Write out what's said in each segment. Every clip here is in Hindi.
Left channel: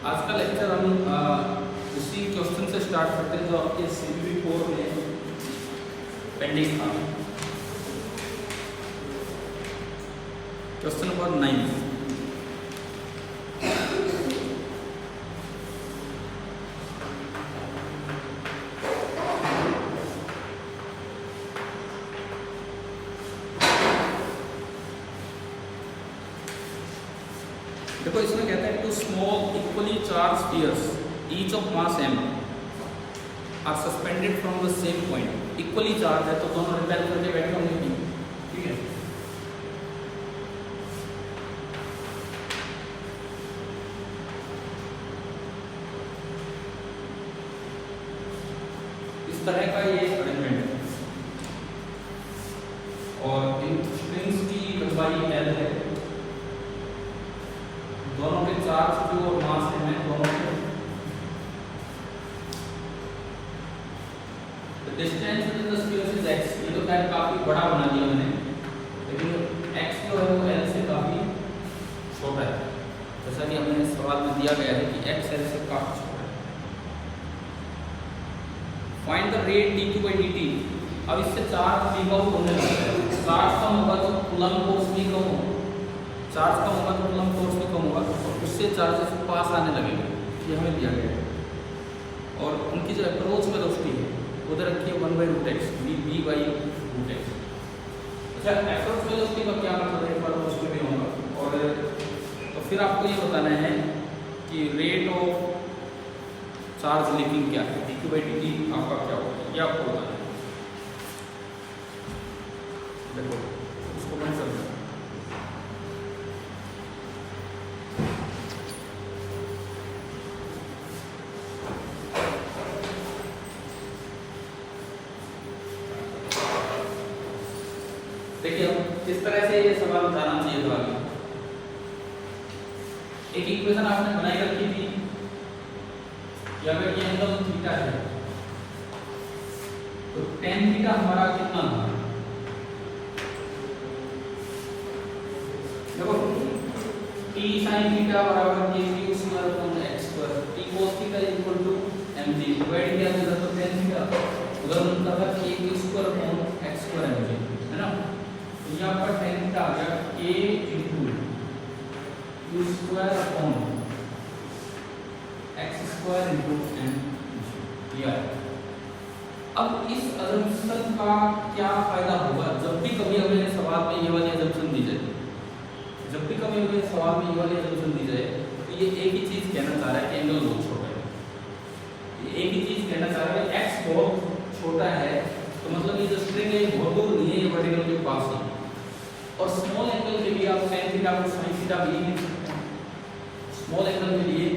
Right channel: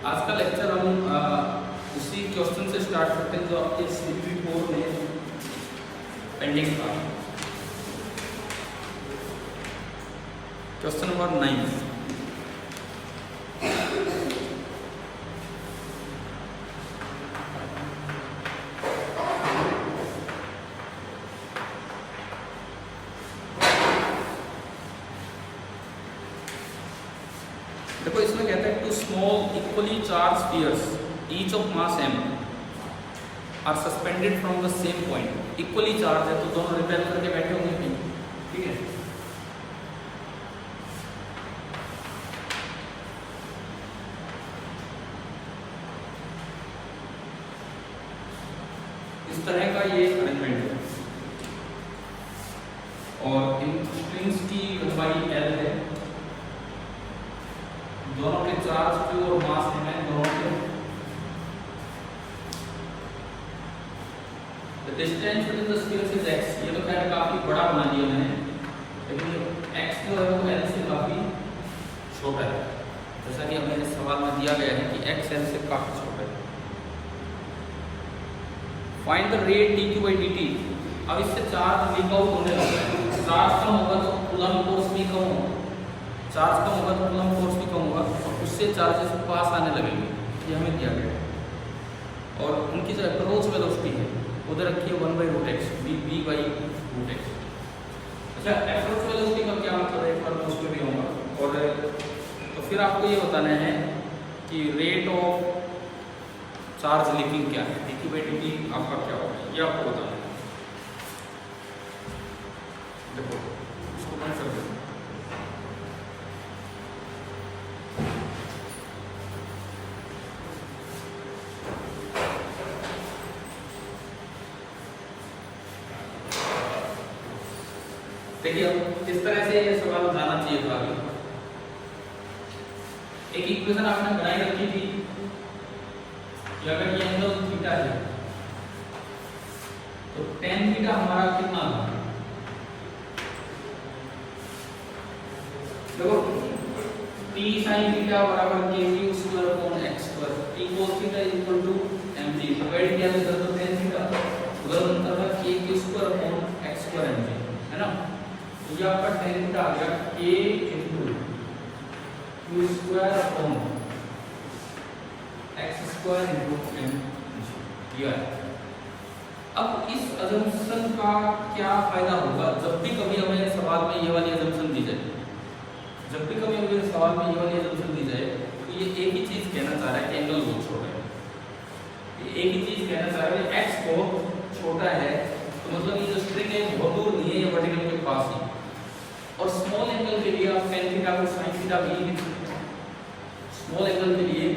आज का लेक्चर हम उसी क्वेश्चन से स्टार्ट करते हैं जो आपके CPP 4 में पेंडिंग था। Question number 9। देखो इसमें कहता है two small equally charge spheres each of mass m are suspended from the same point. Equally charge है तो दोनों रिपेल करके बैठे होंगे कहीं, ठीक है। इस तरह का ये अरेंजमेंट है और इन स्ट्रिंग्स की लंबाई L है। दोनों के चार्ज Q और मास हैं दोनों के। The distance between the spheres is x। ये तो खैर काफी बड़ा बना दिया मैंने, लेकिन x जो है वो L से काफी छोटा है। जैसा कि हमें सवाल में दिया गया है कि x L से काफी छोटा है। Find the rate dq by dt। अब इससे चार्ज लीक आउट होने लगता है। चार्ज कम होगा तो कूलम्ब फोर्स भी कम होगा, चार्ज कम होगा तो कूलम्ब फोर्स भी कम होगा और उससे चार्जेस पास आने लगेंगे। ये हमें दिया गया है और उनकी जो अप्रोच वेलोसिटी है उधर रखी है 1/√x v/√x। अच्छा, अप्रोच वेलोसिटी का क्या मतलब है, मतलब उसमें भी होगा। और तो फिर आपको ये बताना है कि रेट ऑफ चार्ज लीकिंग क्या है, dq by dt आपका क्या होगा, ये आपको बताना है। देखो इसको बंद कर दो। देखिए अब किस तरह से ये सवाल बताना चाहिए था आगे। एक इक्वेशन आपने बनाई रखी थी कि अगर ये एंगल थीटा है तो tan थीटा हमारा कितना था। देखो t sin थीटा बराबर q square upon x square, t cos theta equal to mg। Divide किया तो इधर तो tan थीटा उधर बनता था q square upon x square mg, है ना। ये आपका tan थीटा आ गया k q square upon x square m दिया है। अब इस अजम्पशन का क्या फायदा होगा जब भी कभी हमें सवाल में ये वाली अजम्पशन दी जाए, जब भी कभी हमें सवाल में ये वाली अजम्पशन दी जाए तो ये एक ही चीज कहना चाह रहा है कि एंगल बहुत छोटा है। ये एक ही चीज कहना चाह रहा है कि x बहुत छोटा है तो मतलब ये जो स्ट्रिंग है बहुत दूर नहीं है, ये वर्टिकल के पास है। और स्मॉल एंगल के लिए आप tan थीटा को sin थीटा भी लिख सकते हैं। स्मॉल एंगल के लिए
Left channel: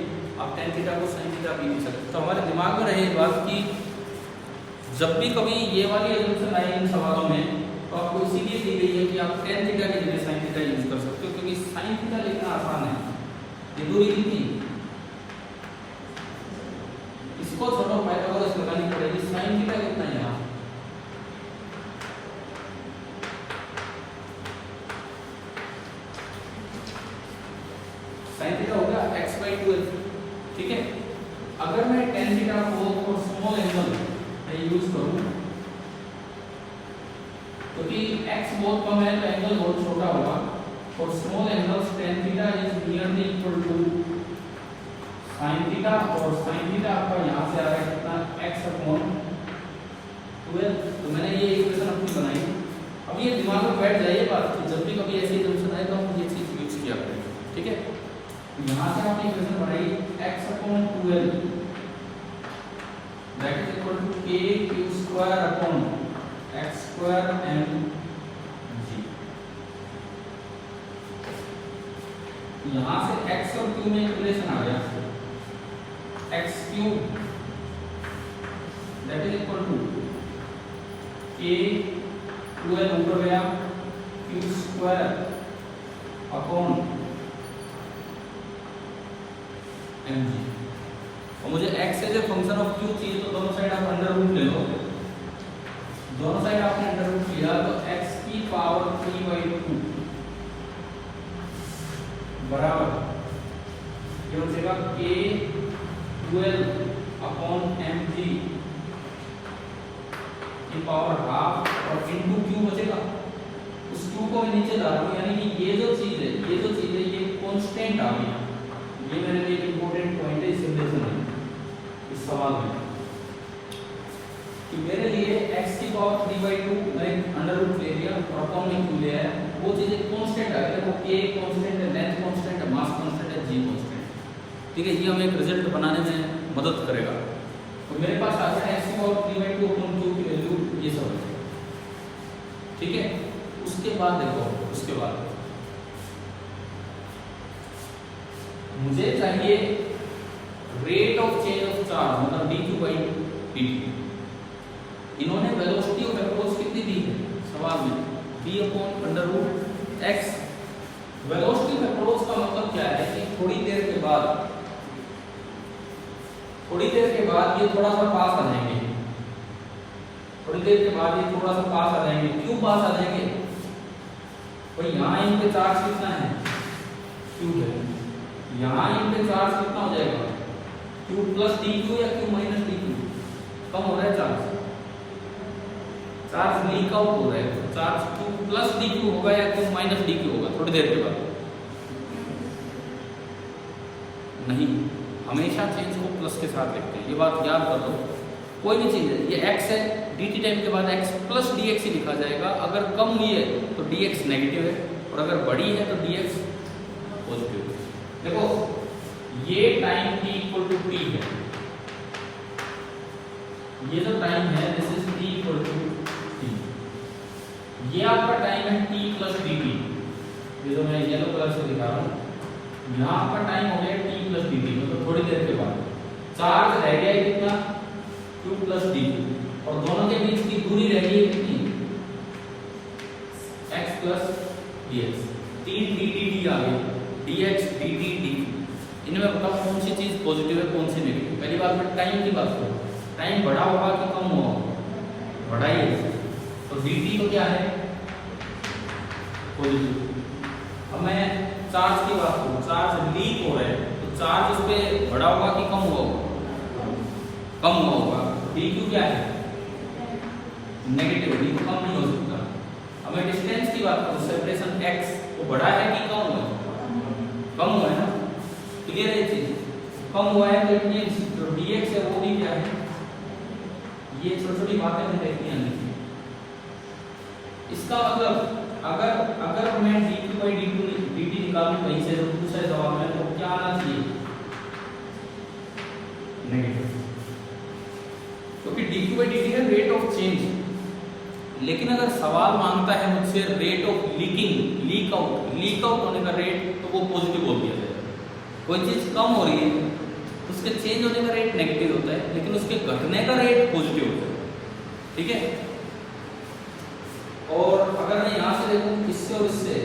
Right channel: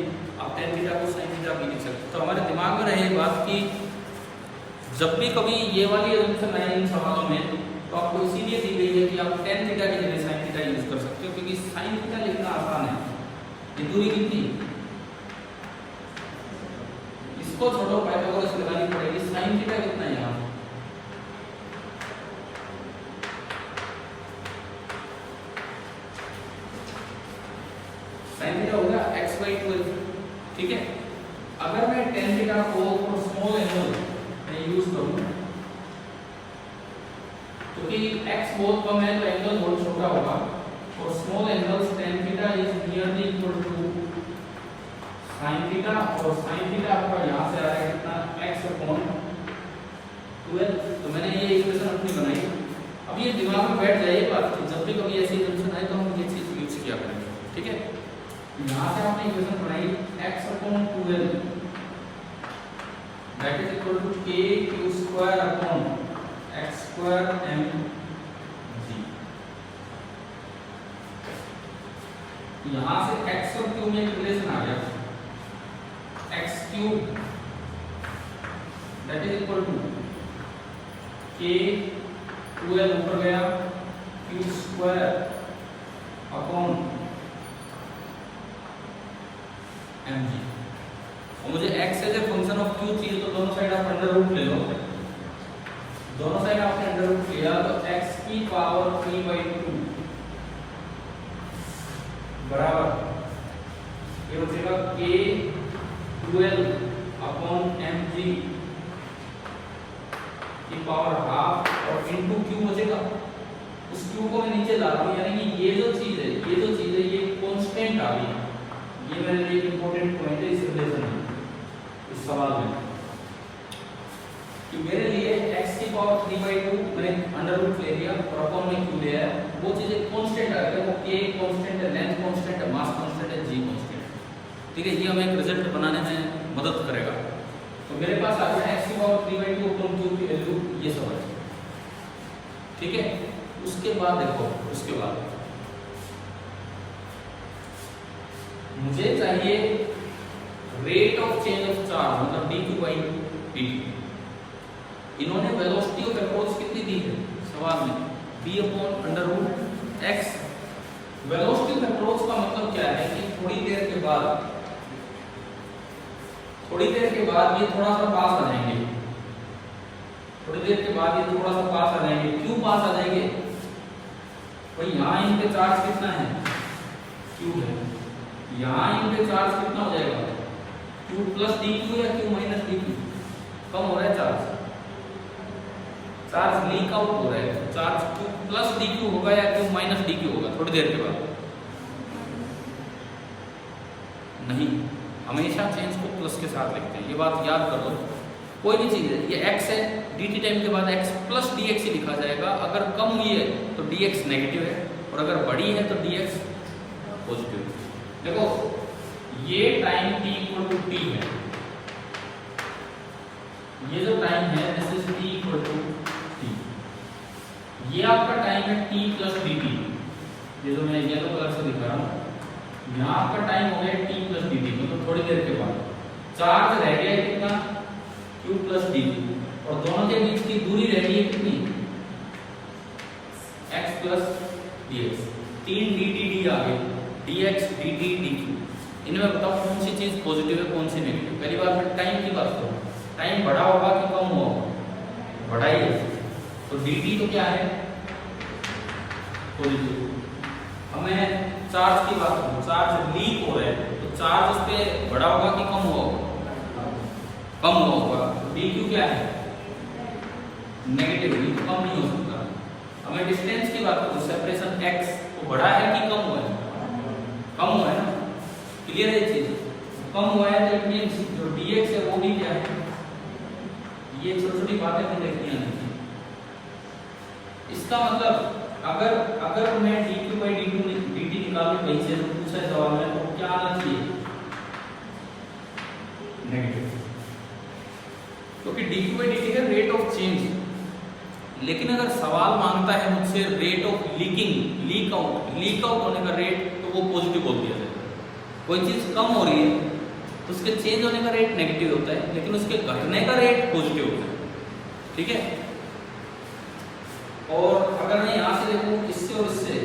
आप tan थीटा को sin थीटा भी लिख सकते हैं। तो हमारे दिमाग में रहे बात कि जब भी कभी ये वाली अजम्पशन आए इन सवालों में तो आपको इसीलिए दी गई है कि आप tan थीटा की जगह sin थीटा यूज कर सकते हो, क्योंकि sin थीटा लिखना आसान है। ये दूरी कितनी, इसको छोड़ो पाइथागोरस लगानी पड़ेगी। sin थीटा कितना है यहाँ, sin थीटा होगा x/12, ठीक है। अगर मैं tan थीटा को स्मॉल एंगल में यूज करूं क्योंकि x बहुत कम है तो एंगल बहुत छोटा होगा और small angles tan theta is nearly equal to sin theta और sin थीटा आपका यहां से आ रहा है कितना x अपॉन 12। तो मैंने ये इक्वेशन अपनी बनाई। अब ये दिमाग में बैठ जाए बात, तो जब भी कभी ऐसी अजम्पशन आए तो हम ये चीज यूज किया करेंगे, ठीक है। यहां से हमने इक्वेशन बनाई x अपॉन 12 that is equal to k q square upon x square mg। यहां से x और q में एक रिलेशन आ गया, x cube that is equal to k 12 ऊपर गया q स्क्वायर अपॉन mg। और मुझे x as a function of q चाहिए तो दोनों साइड आप अंडर रूट ले लो। दोनों साइड आपने अंडर रूट लिया तो x की पावर 3/2 बराबर ये हो जाएगा k QL अपॉन mg की पावर हाफ और इनटू q बचेगा। उस q को मैं नीचे ला रहा हूँ, यानी कि ये जो चीज है ये कांस्टेंट आ गया। ये मेरे लिए इंपॉर्टेंट पॉइंट है इस रिलेशन में, इस सवाल में कि मेरे लिए x की पावर 3/2 मैंने अंडर रूट ले लिया और अपॉन में q लिया है। वो चीजें कांस्टेंट आ गई, वो k कांस्टेंट है, लेंथ कांस्टेंट है, मास कांस्टेंट है, g कांस्टेंट है। ठीक है, ये हमें एक रिजल्ट बनाने में मदद करेगा। तो मेरे पास आ गया x की पावर 3/2 अपॉन q की वैल्यू ये सब है। ठीक है, उसके बाद देखो, उसके बाद मुझे चाहिए rate of change of charge, मतलब dq/dt। इन्होंने वेलोसिटी ऑफ अप्रोच कितनी दी है सवाल में, b upon under root x। Velocity of approach का मतलब क्या है कि थोड़ी देर के बाद ये थोड़ा सा पास आ जाएंगे। थोड़ी देर के बाद ये थोड़ा सा पास आ जाएंगे। क्यों पास आ जाएंगे भाई? यहाँ इन पे चार्ज कितना है, q है। यहाँ इन पे चार्ज कितना हो जाएगा, q प्लस dq या q माइनस dq। कम हो रहा है चार्ज लीक आउट हो रहा है। तो चार्ज q प्लस dq होगा या q माइनस dq होगा थोड़ी देर के बाद? नहीं, हमेशा चेंज को प्लस के साथ लिखते हैं, ये बात याद कर लो। कोई भी चीज है, ये x है, dt टाइम के बाद x प्लस dx ही लिखा जाएगा। अगर कम हुई है तो dx नेगेटिव है, और अगर बड़ी है तो dx पॉजिटिव है। देखो ये time t equal to t है, ये जो टाइम है this is t equal to t। ये आपका टाइम है t प्लस dt, ये जो मैं येलो कलर से दिखा रहा हूँ। यहाँ आपका टाइम हो गया t प्लस dt, मतलब थोड़ी देर के बाद चार्ज रह गया है कितना, q प्लस dt, और दोनों के बीच की दूरी रह गई है कितनी, x प्लस dx। 3 dt आ गए, dx dt dq। इनमें बताओ कौन सी चीज पॉजिटिव है कौन सी नेगेटिव। पहली बात मैं टाइम की बात करूँ, टाइम बढ़ा होगा कि कम हुआ होगा, बढ़ा ही है। तो dt तो क्या है, पॉजिटिव। अब मैं चार्ज की बात करूँ, चार्ज लीक हो रहा है तो चार्ज उस पर बढ़ा होगा कि कम हुआ होगा, कम हुआ होगा। dq क्या है, नेगेटिव, तो कम नहीं हो सकता। अब मैं डिस्टेंस की बात करूँ, सेपरेशन x, तो बढ़ा है कि कम हुआ है, कम हुआ है ना। क्लियर है चीज, कम हुआ है तो ये जो dx है वो भी क्या है, ये छोटी छोटी बातें में देखनी आनी। इसका मतलब अगर मैं dq/dt निकालूं वहीं से, तो पूछा जवाब में तो क्या आना चाहिए, नेगेटिव, क्योंकि dq/dt है रेट ऑफ चेंज। लेकिन अगर सवाल मांगता है मुझसे rate of leaking, leak out होने का रेट, तो वो पॉजिटिव बोल दिया जाएगा। कोई चीज कम हो रही है उसके चेंज होने का रेट नेगेटिव होता है, लेकिन उसके घटने का रेट पॉजिटिव होता है। ठीक है, और अगर मैं यहां से देखूं इससे और इससे,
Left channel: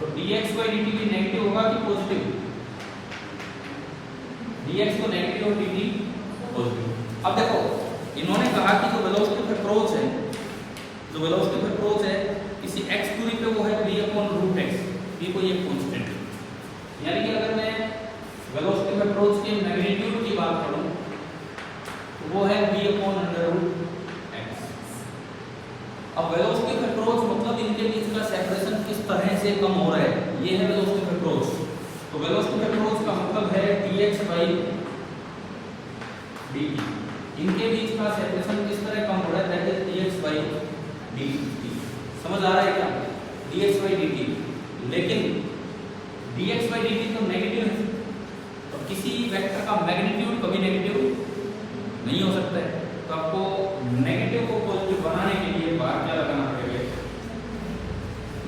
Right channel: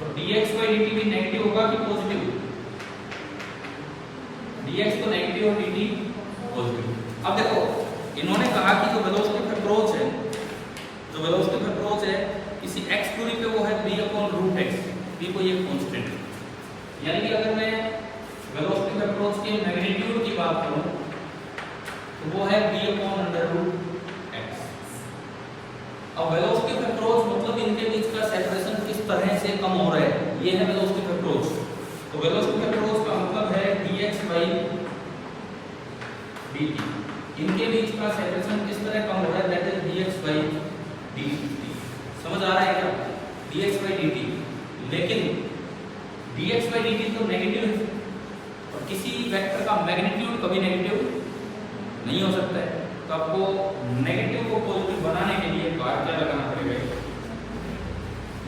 तो dx/dt भी नेगेटिव होगा कि पॉजिटिव, dx तो नेगेटिव और dt पॉजिटिव। अब देखो इन्होंने कहा कि जो वेलोसिटी ऑफ अप्रोच है, किसी x दूरी पे वो है b/√x। b कोई एक कांस्टेंट है, यानी कि अगर मैं वेलोसिटी ऑफ अप्रोच के मैग्नीट्यूड की बात करूं तो वो है b/√x। अब वेलोसिटी ऑफ अप्रोच मतलब इनके बीच का सेपरेशन किस तरह से कम हो रहा है, ये है वेलोसिटी ऑफ अप्रोच। तो वेलोसिटी ऑफ अप्रोच का मतलब है dx/dt। इनके बीच का सेपरेशन किस तरह कम हो रहा है, दैट इज dx/dt। समझ आ रहा है क्या, dx/dt। लेकिन dx/dt तो नेगेटिव है, और किसी वेक्टर का मैग्नीट्यूड कभी नेगेटिव नहीं हो सकता है। तो आपको नेगेटिव को पॉजिटिव बनाने के लिए बाहर क्या लगाना पड़ेगा,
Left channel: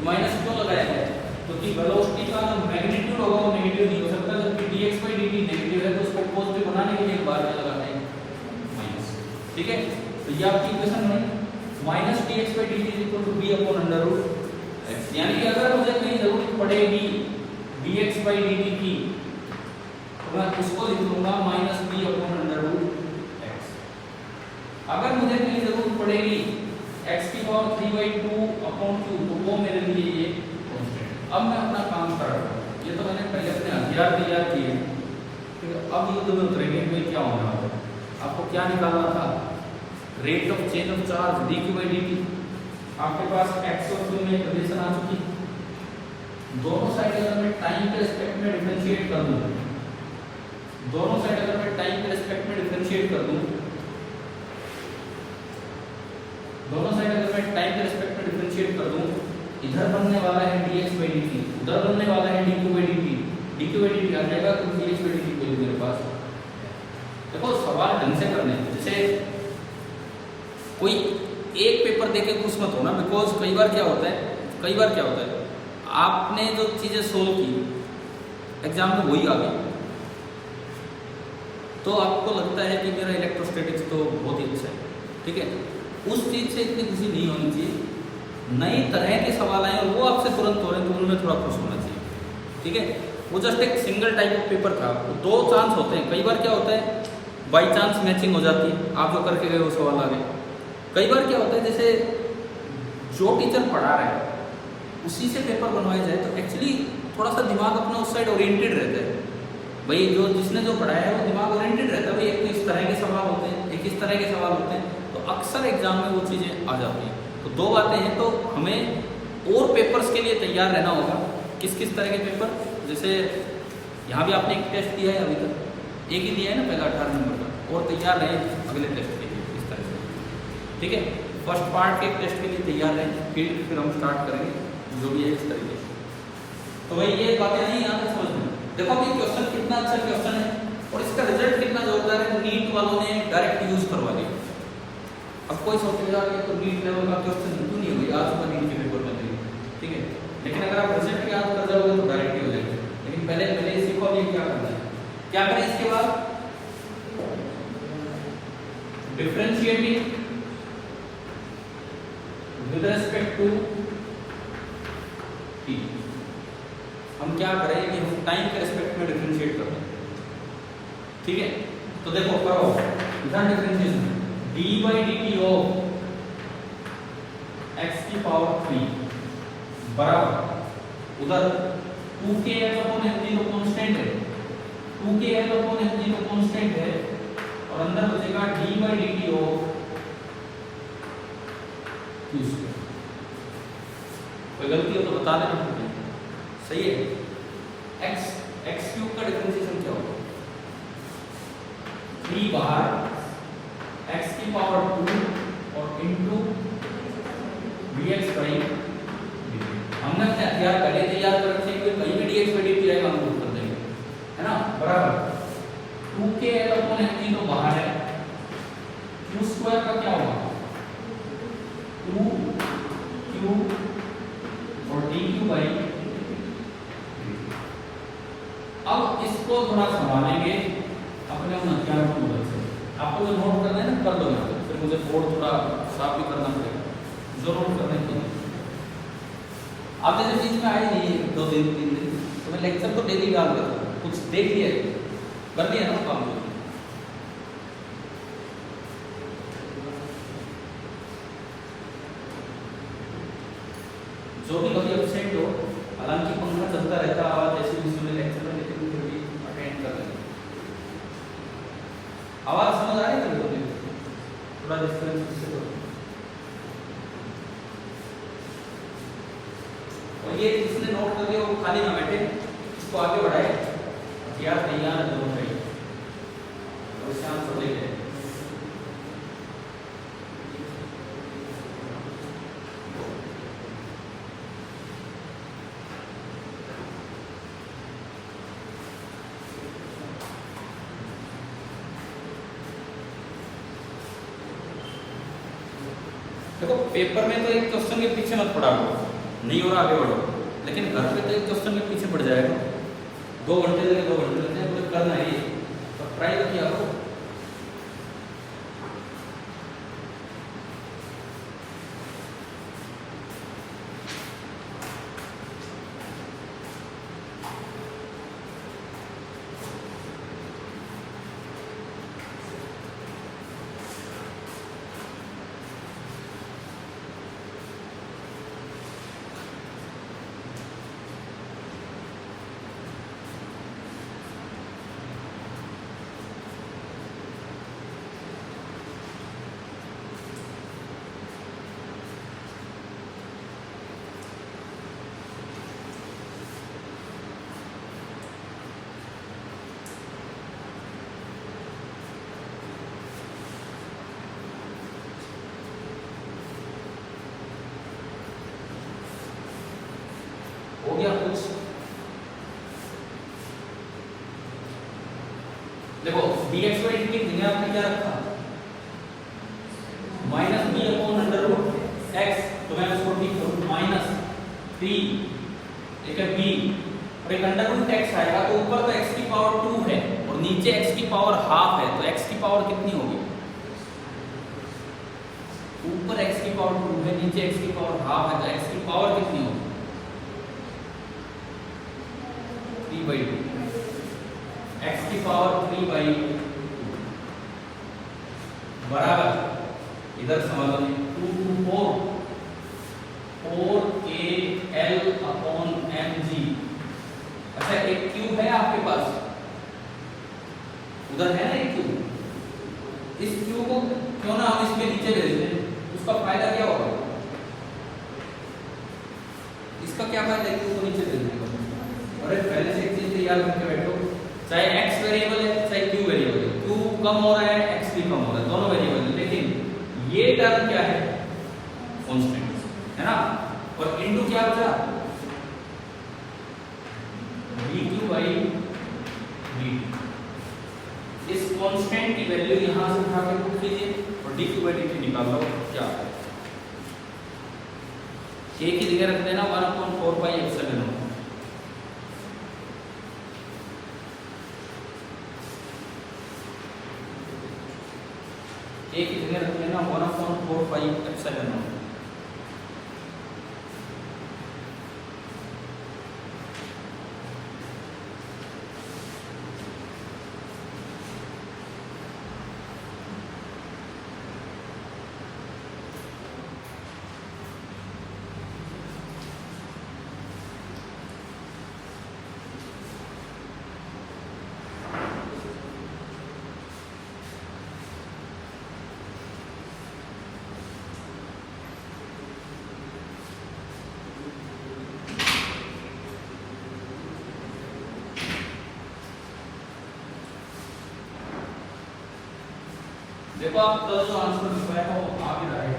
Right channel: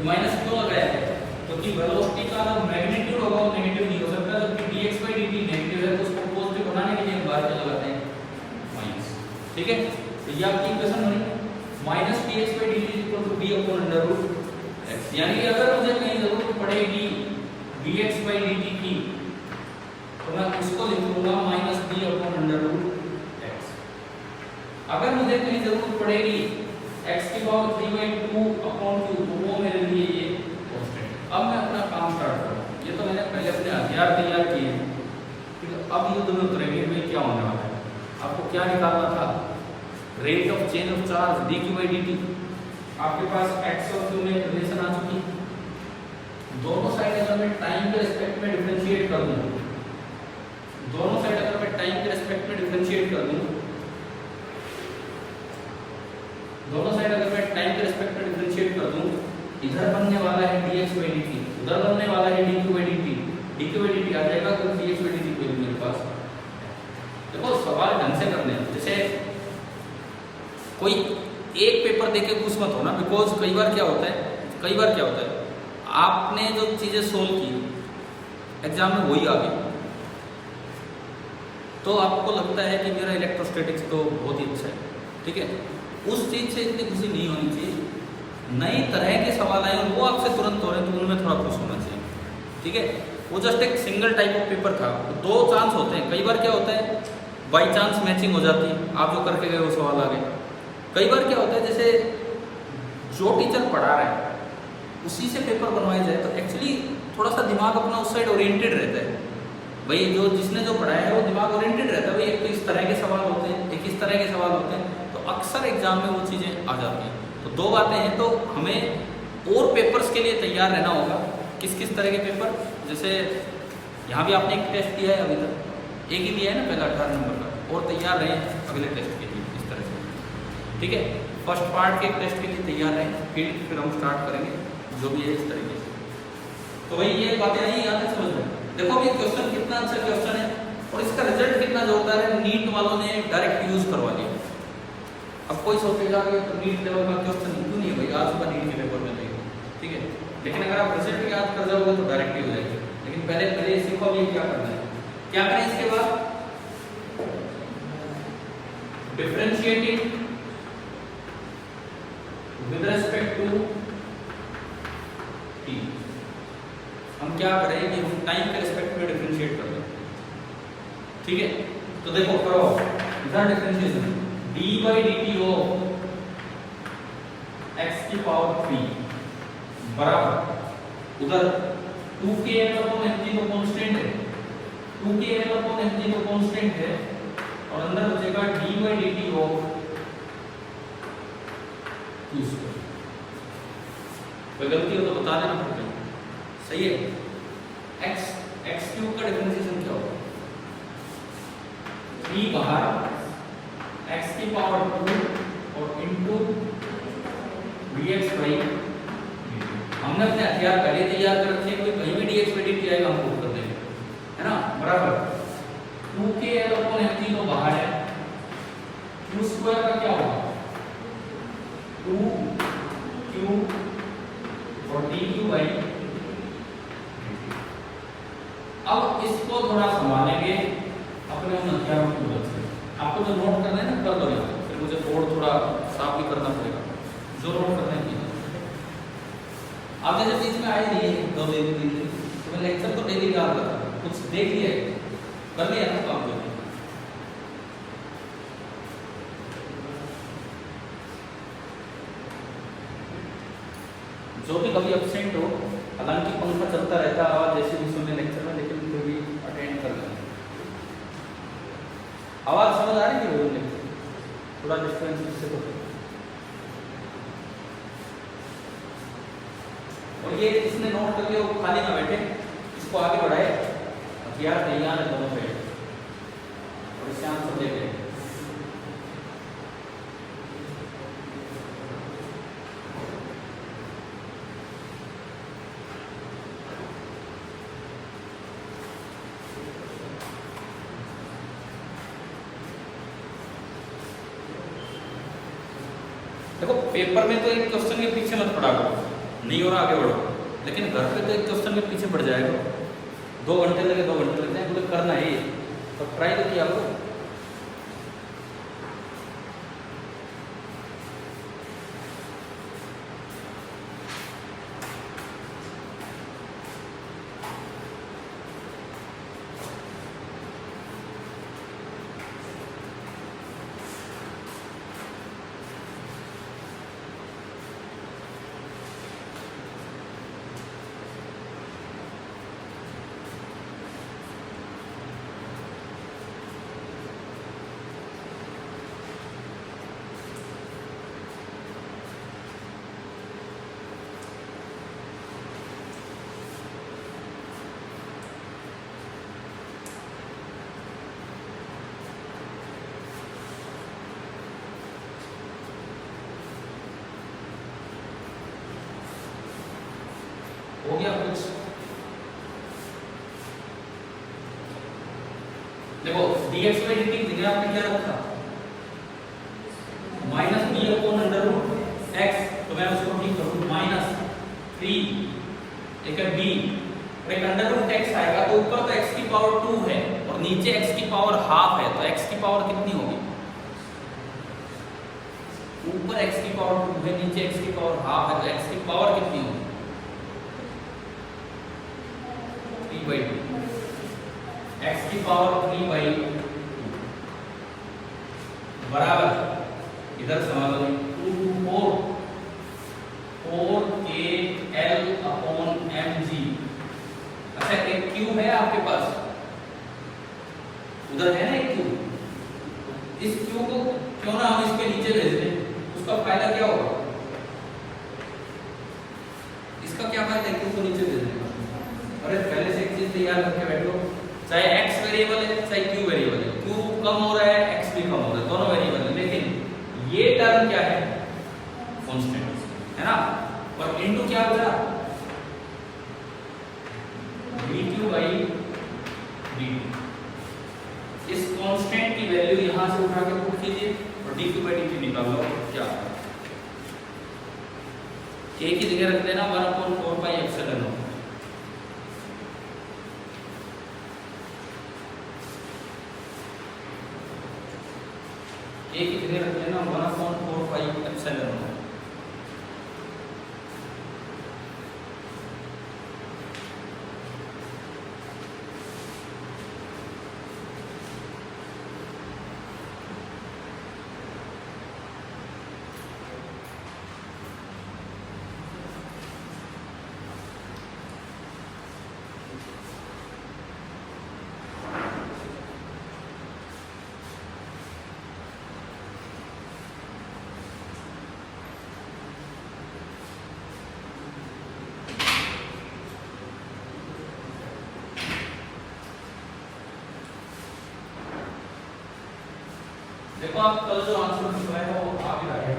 माइनस क्यों लगाया है, क्योंकि वेलोसिटी का जो मैग्नीट्यूड होगा वो नेगेटिव नहीं हो सकता। जबकि dx/dt नेगेटिव है तो उसको पॉजिटिव बनाने के लिए बाहर क्या लगाते हैं, माइनस। ठीक है, तो ये आपकी इक्वेशन बनी, minus dx/dt equal to b/√x। यानी कि अगर मुझे कोई जरूरत पड़ेगी dx/dt की, तो मैं उसको लिख लूंगा माइनस b/√x। अगर मुझे कहीं जरूरत पड़ेगी x की पावर 3/2 अपॉन 2, तो वो मेरे लिए ये कांस्टेंट। अब मैं अपना काम स्टार्ट करूँ। ये तो मैंने पहले अपने हथियार तैयार किए, फिर अब युद्ध में उतरेंगे में क्या होने वाला है। आपको क्या निकालना था, rate of change of charge D Q by D T. आपके पास एक्स और क्यू में रिलेशन आ चुकी, दोनों साइड अगर मैं टाइम के रिस्पेक्ट में डिफरेंशिएट कर दूं, दोनों साइड अगर मैं टाइम के रिस्पेक्ट में डिफरेंशिएट कर दूं, दोनों साइड अगर मैं टाइम के रिस्पेक्ट में डिफरेंशिएट कर दूं, इधर बनने वाला है dx बाई dt, उधर बनने वाला है dq by dt, dq by dt आ जाएगा तो dx बाई dt वैल्यू मेरे पास। देखो सवाल ढंग से करने हैं, जैसे कोई एक पेपर देके खुश मत होना, बिकॉज कई बार क्या होता है आपने जो चीजें सोल्व की एग्जाम में वही आ गई, तो आपको लगता है कि मेरा इलेक्ट्रोस्टैटिक्स तो बहुत ही अच्छा है, ठीक है, उस चीज से इतनी खुशी नहीं होनी चाहिए। नई तरह के सवाल आए और वो आपसे तुरंत हो रहे हैं तो उनमें थोड़ा खुश होना चाहिए, ठीक है। वो जस्ट एक सिंगल टाइप ऑफ पेपर था, दो चांस होते हैं, कई बार क्या होता है बाई चांस मैचिंग हो जाती है, आप जो करके गए वो सवाल आ गए। कई बार क्या होता है जैसे जो टीचर पढ़ा रहे हैं उसी से पेपर बनवाया जाए तो एक्चुअली थोड़ा सा दिमाग अपना उस साइड ओरिएंटेड रहता है, भाई जो जिसने जो पढ़ाया है वो दिमाग ओरिएंटेड रहता है, भाई एक तो इस तरह के सवाल होते हैं, एक इस तरह के सवाल होते हैं, तो अक्सर एग्जाम में वो चीज़ें आ जाती हैं। तो दो बातें हैं, तो हमें और पेपर्स के लिए तैयार रहना होगा। किस किस तरह के पेपर, जैसे यहाँ भी आपने एक टेस्ट दिया है, अभी तक एक ही दिया है ना पहला 18 नंबर का, और तैयार रहे अगले टेस्ट के लिए इस तरह से, ठीक है। फर्स्ट पार्ट के टेस्ट के लिए तैयार रहे, फिर हम स्टार्ट करेंगे जो भी है इस तरीके से। तो भाई ये बातें नहीं यहाँ से समझ में, देखो कि क्वेश्चन कितना अच्छा क्वेश्चन है और इसका रिजल्ट कितना जोरदार है। नीट वालों ने डायरेक्ट यूज करवा दिया। अब कोई सोचेगा कि तो नीट लेवल का क्वेश्चन क्यों नहीं है भाई, आ चुका नीट के पेपर में, ठीक है, लेकिन अगर आप रिजल्ट याद कर जाओगे तो डायरेक्ट ही हो जाएगा। लेकिन पहले सीखो अभी क्या करना है, क्या करें इसके बाद differentiating with respect to T. हम क्या करें कि हम टाइम के रिस्पेक्ट में डिफरेंशिएट करें, ठीक है। तो देखो करो इधर differentiation D by D T of x की पावर 3 बराबर उधर 2kl अपॉन mg तो कांस्टेंट है, 2kl अपॉन mg तो कांस्टेंट है, और अंदर बचेगा D by D T of q square. कोई गलती हो तो बता लेना, सही है। एक्स क्यूब का डिफरेंशिएशन क्या होगा, 3 बाहर x की पावर 2 और इनटू dx बाई dt। हमने अपने हथियार पहले से याद कर रखे हैं, कहीं भी dx बाई dt आएगा हम प्रूव कर देंगे, है ना, बराबर 2kl अपॉन mg तो बाहर है, q स्क्वायर का क्या होगा 2q और dq बाई dt। अब इसको थोड़ा संभालेंगे अपने उन हथियारों की मदद से। आपको जो नोट करना है ना कर लो यहाँ पे, फिर मुझे बोर्ड थोड़ा साफ भी करना पड़ेगा, जो नोट करना है कीजिए। आप जैसे बीच में आए नहीं है 2 दिन तो लेक्चर तो डेली याद करता हूँ, कुछ देख लिए करनी है ना आपको। जो भी कभी एब्सेंट हो, हालांकि पंखा चलता रहता है और जैसे भी सुनने लेक्चर में, लेकिन फिर भी अटेंड कर लेना। आवाज समझ आ रही है लोगों ने, थोड़ा डिस्टेंस से करो। और ये जिसने नोट करके वो खाली ना बैठे, इसको आगे बढ़ाए, क्या तैयार है दोनों पे, और इसे आप देख लें। देखो पेपर में तो एक क्वेश्चन के पीछे मत पड़ा करो, नहीं हो रहा आगे बढ़ो, लेकिन घर पे तो एक क्वेश्चन के पीछे पड़ जाएगा, 2 घंटे लगे 2 घंटे लगते हैं, कुछ करना है तो ट्राई किया करो। देखो dx by dt मैंने आपने क्या रखा minus B upon under root X, तो मैं उसको ठीक करूँ माइनस 3 एक है बी और एक अंडर रूट एक्स आएगा, तो ऊपर तो x की पावर 2 है और नीचे x की पावर हाफ है, तो x की पावर कितनी होगी, ऊपर x की पावर 2 है नीचे x की पावर हाफ है, तो x की पावर कितनी होगी 3/2, x की पावर 3/2 बराबर इधर सवाल में 2 to 4 4al/mg। अच्छा एक क्यूब है आपके पास, उधर है ना एक क्यूब, इस क्यूब को क्यों ना हम इसके नीचे ले लेते, उसका फायदा क्या होगा, इसका क्या फायदा है क्यूब को नीचे ले लेने का। अरे पहले से एक चीज तैयार करके बैठो, चाहे x वेरिएबल है चाहे q वेरिएबल है, q कम हो रहा है x भी कम हो रहा है, दोनों वेरिएबल है, लेकिन ये टर्म क्या है कांस्टेंट है ना, और इनटू क्या बचा dq by dt, इस कांस्टेंट की वैल्यू यहां से उठा के पुट कीजिए और dq by dt निकाल लो क्या k की जगह रख देना 1/4 pi epsilon नॉट, एक की जगह रख लेना 1/4 pi epsilon नॉट। देखो आप तो जो आंसर लिखवाया है वो आ भी रहा है,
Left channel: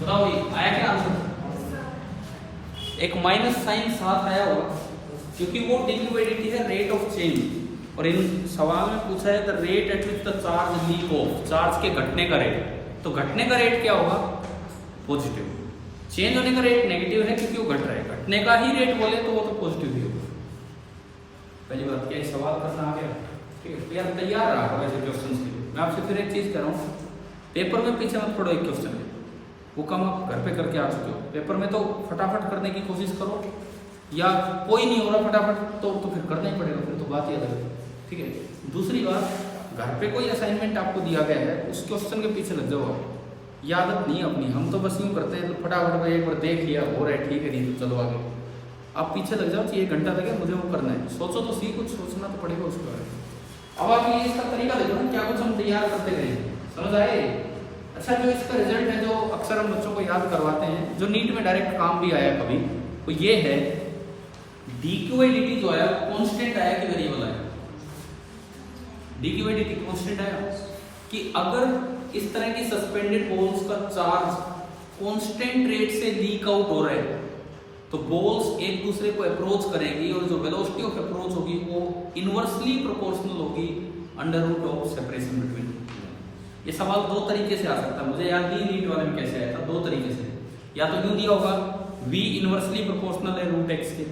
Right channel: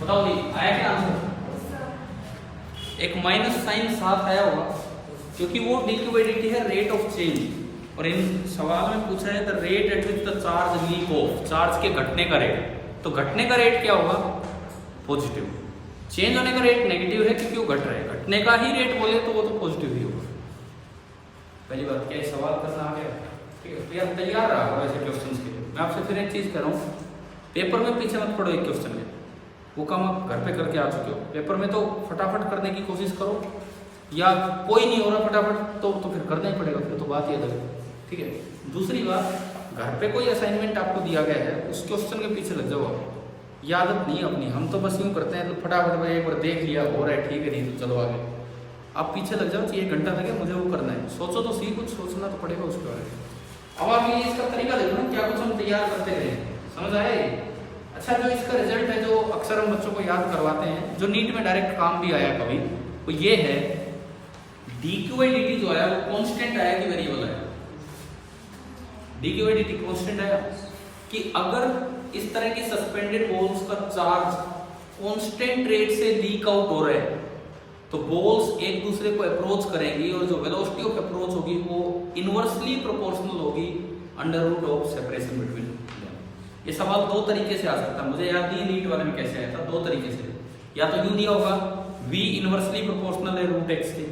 बताओ जी आया क्या आंसर, एक माइनस साइन साथ आया होगा क्योंकि वो dq by dt है रेट ऑफ चेंज, और इन सवाल में पूछा है the rate at which the charge leak of, charge के घटने का रेट, तो घटने का रेट क्या होगा पॉजिटिव, चेंज होने का रेट नेगेटिव है क्योंकि वो घट रहा है, घटने का ही रेट बोले तो वो तो पॉजिटिव ही होगा। पहली बात क्या सवाल करना आ गया, ठीक है, तो यार तैयार रहा ऐसे क्वेश्चन के लिए। मैं आपसे फिर एक चीज कर रहा हूँ, पेपर में पीछे मत पड़ो एक क्वेश्चन के, वो काम आप घर पे करके आ चुके हो, पेपर में तो फटाफट करने की कोशिश करो, या कोई नहीं हो रहा फटाफट तो फिर करना ही पड़ेगा, फिर तो बात ही अलग है, ठीक है। दूसरी बात, घर पे कोई असाइनमेंट आपको दिया गया है उस क्वेश्चन के पीछे लग जाओ आप, ये आदत नहीं है अपनी, हम तो बस यूँ करते हैं तो फटाफट भाई एक बार देख लिया हो रहा है ठीक है, नहीं तो चलो आगे, आप पीछे लग जाओ, चाहिए 1 घंटा लगे मुझे वो करना है, सोचो तो सही, कुछ सोचना तो पड़ेगा उसके बारे में। अब आप ये इसका तरीका देखो ना, क्या कुछ हम तैयार करते गए, समझ आए। अच्छा जो इसका रिजल्ट है, जो अक्सर हम बच्चों को याद करवाते हैं, जो नीट में डायरेक्ट काम भी आया कभी, तो ये है dq by dt जो आया वो कांस्टेंट आया कि वेरिएबल आया, dq by dt कांस्टेंट आया कि अगर इस तरह की सस्पेंडेड बॉल्स का चार्ज कांस्टेंट रेट से लीक आउट हो रहा है तो बॉल्स एक दूसरे को अप्रोच करेंगी और जो वेलोसिटी ऑफ अप्रोच होगी वो इनवर्सली प्रोपोर्शनल होगी under root of separation between. ये सवाल 2 तरीके से आ सकता है, मुझे याद नहीं नीट वाले में कैसे आया था, 2 तरीके से, या तो यूं दिया होगा v इनवर्सली प्रोपोर्शनल है रूट x के,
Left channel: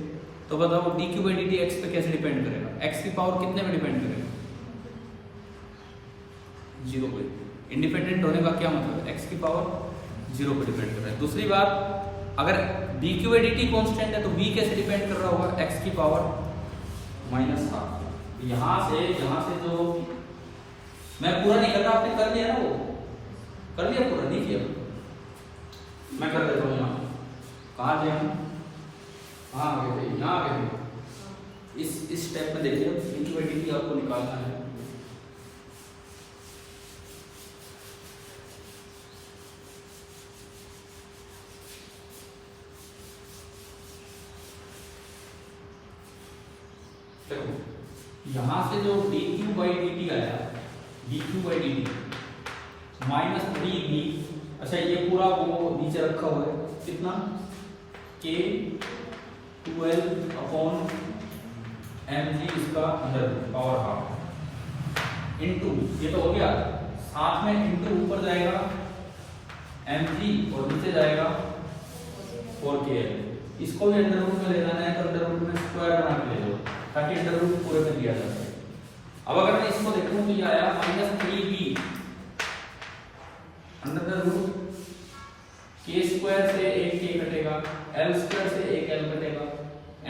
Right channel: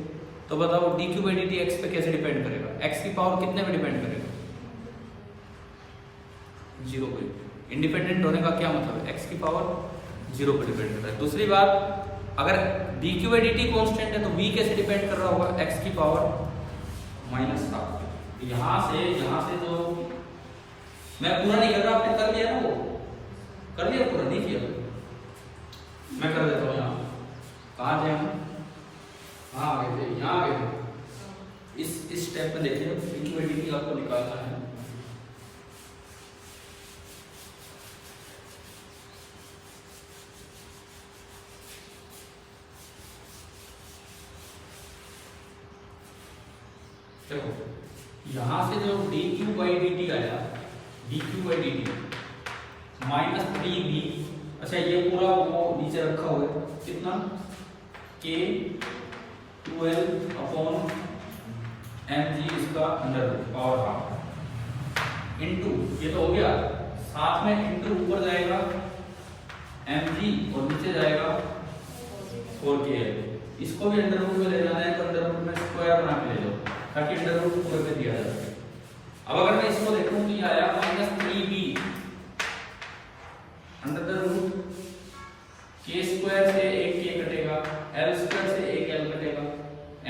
तो बताओ D Q by D T x पे कैसे डिपेंड करेगा? एक्स की पावर कितने पे डिपेंड करेगा? 0 पे। इंडिपेंडेंट होने का क्या मतलब है? एक्स की पावर 0 पे डिपेंड कर रहा है। दूसरी बात, अगर D Q by D T constant है तो v कैसे डिपेंड कर रहा होगा? एक्स की पावर -12। यहाँ से जो मैं पूरा नहीं कर रहा, आपने कर लिया ना, वो कर लिया पूरा नहीं किया, मैं कर देता हूँ। यहाँ कहाँ गया हम? हाँ आ गए थे, यहाँ आ गए थे। इस स्टेप में देखिए, D Q by D T आपको निकालना है। यहां से जो D Q by D T आया, D Q by D T -3v, अच्छा ये पूरा वो नीचे रखा हुआ है, कितना? k 12 अपॉन mg इसका अंडर पावर हाफ इनटू, ये तो हो गया, साथ में इनटू ऊपर जाएगा mg और नीचे जाएगा 4kl। इसको भी अंडर रूट में ले जाना है तो अंडर रूट में स्क्वायर बना के ले जाओ ताकि अंडर रूट पूरे में दिया जा सके। अब अगर मैं इसको देखूं तो ये आया -3v under root k square से एक k कटेगा, l स्क्वायर से एक l कटेगा,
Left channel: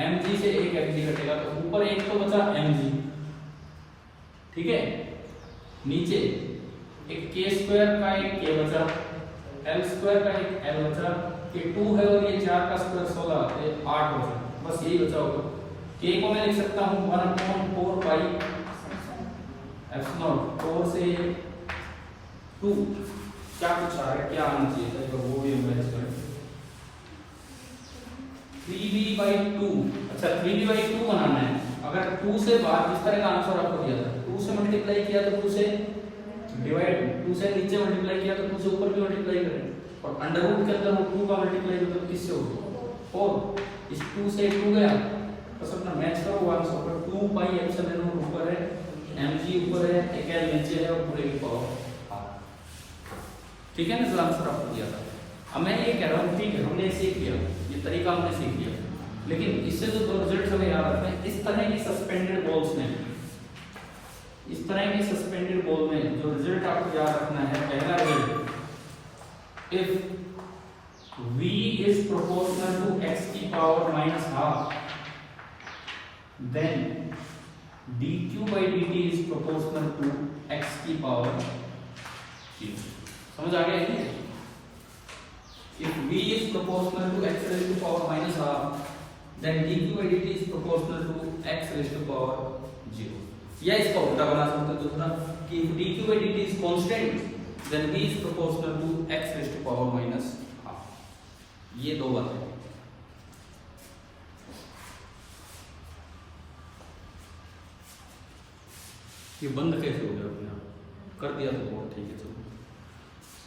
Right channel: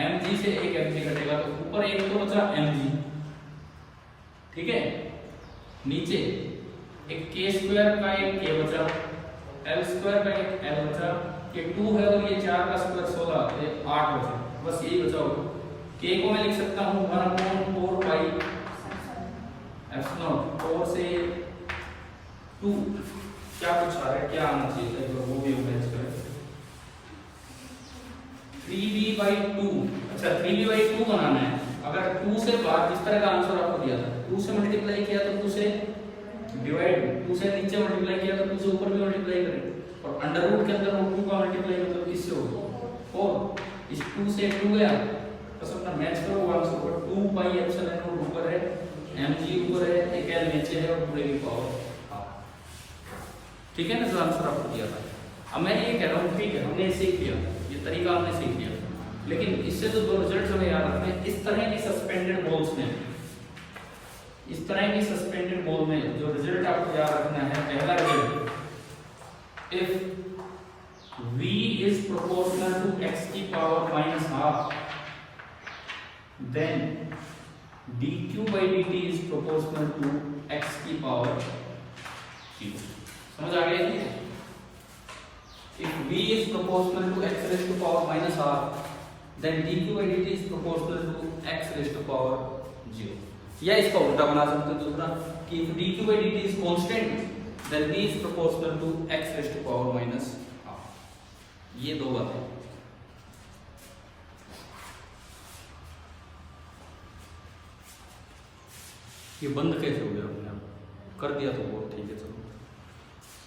mg से एक mg कटेगा, तो ऊपर एक तो बचा mg, ठीक है, नीचे एक k स्क्वायर का एक k बचा, l स्क्वायर का एक l बचा, ये 2 है और ये 4 का स्क्वायर 16 है, 8 बचा, बस यही बचा होगा। k को मैं लिख सकता हूँ 1/4 पाई एप्सिलॉन 4 से 2, क्या कुछ आ रहा है, क्या आना चाहिए तो वो भी हम मैच करें। 3v/2, अच्छा 3v/2 बनाना है। अगर 2 से बाद इस तरह का आंसर आपको दिया था, 2 से मल्टीप्लाई किया तो 2 से डिवाइड, 2 से नीचे मल्टीप्लाई किया तो 2 से ऊपर भी मल्टीप्लाई करें, और अंडर रूट के अंदर वो 2 का मल्टीप्लाई करोगे तो किससे होगा? 4। इस 2 से 2 गया तो सब ना मैच करो आंसर पर 2 पाई एप्सिलॉन नॉट ऊपर है, mg ऊपर है, एक l नीचे है और पूरे की पावर, ठीक है ना, जो आंसर आपको दिया था। अब मैं ये कह रहा हूँ, ठीक है हमने सीख लिया, ये तरीका हमने सीख लिया, लेकिन इससे जो दो रिजल्ट हमें याद रखना है, इस तरह की सस्पेंडेड बॉल्स में, इस तरह की सस्पेंडेड बॉल में जो रिजल्ट आपको याद रखना है, पहला result, if v is proportional to x की power -12, then dq by dt is proportional to x की पावर 0। समझ आ गया ये? If v is proportional to x raised to power -r, then dq by dt is proportional to x raised to power 0। या इसका उल्टा बना सकते हैं दूसरा कि if dq by dt is constant, then v is proportional to x raised to power -r। ये दो बातें। ये बंद कैसे हो गया? कर दिया तो बहुत ठीक है, चलो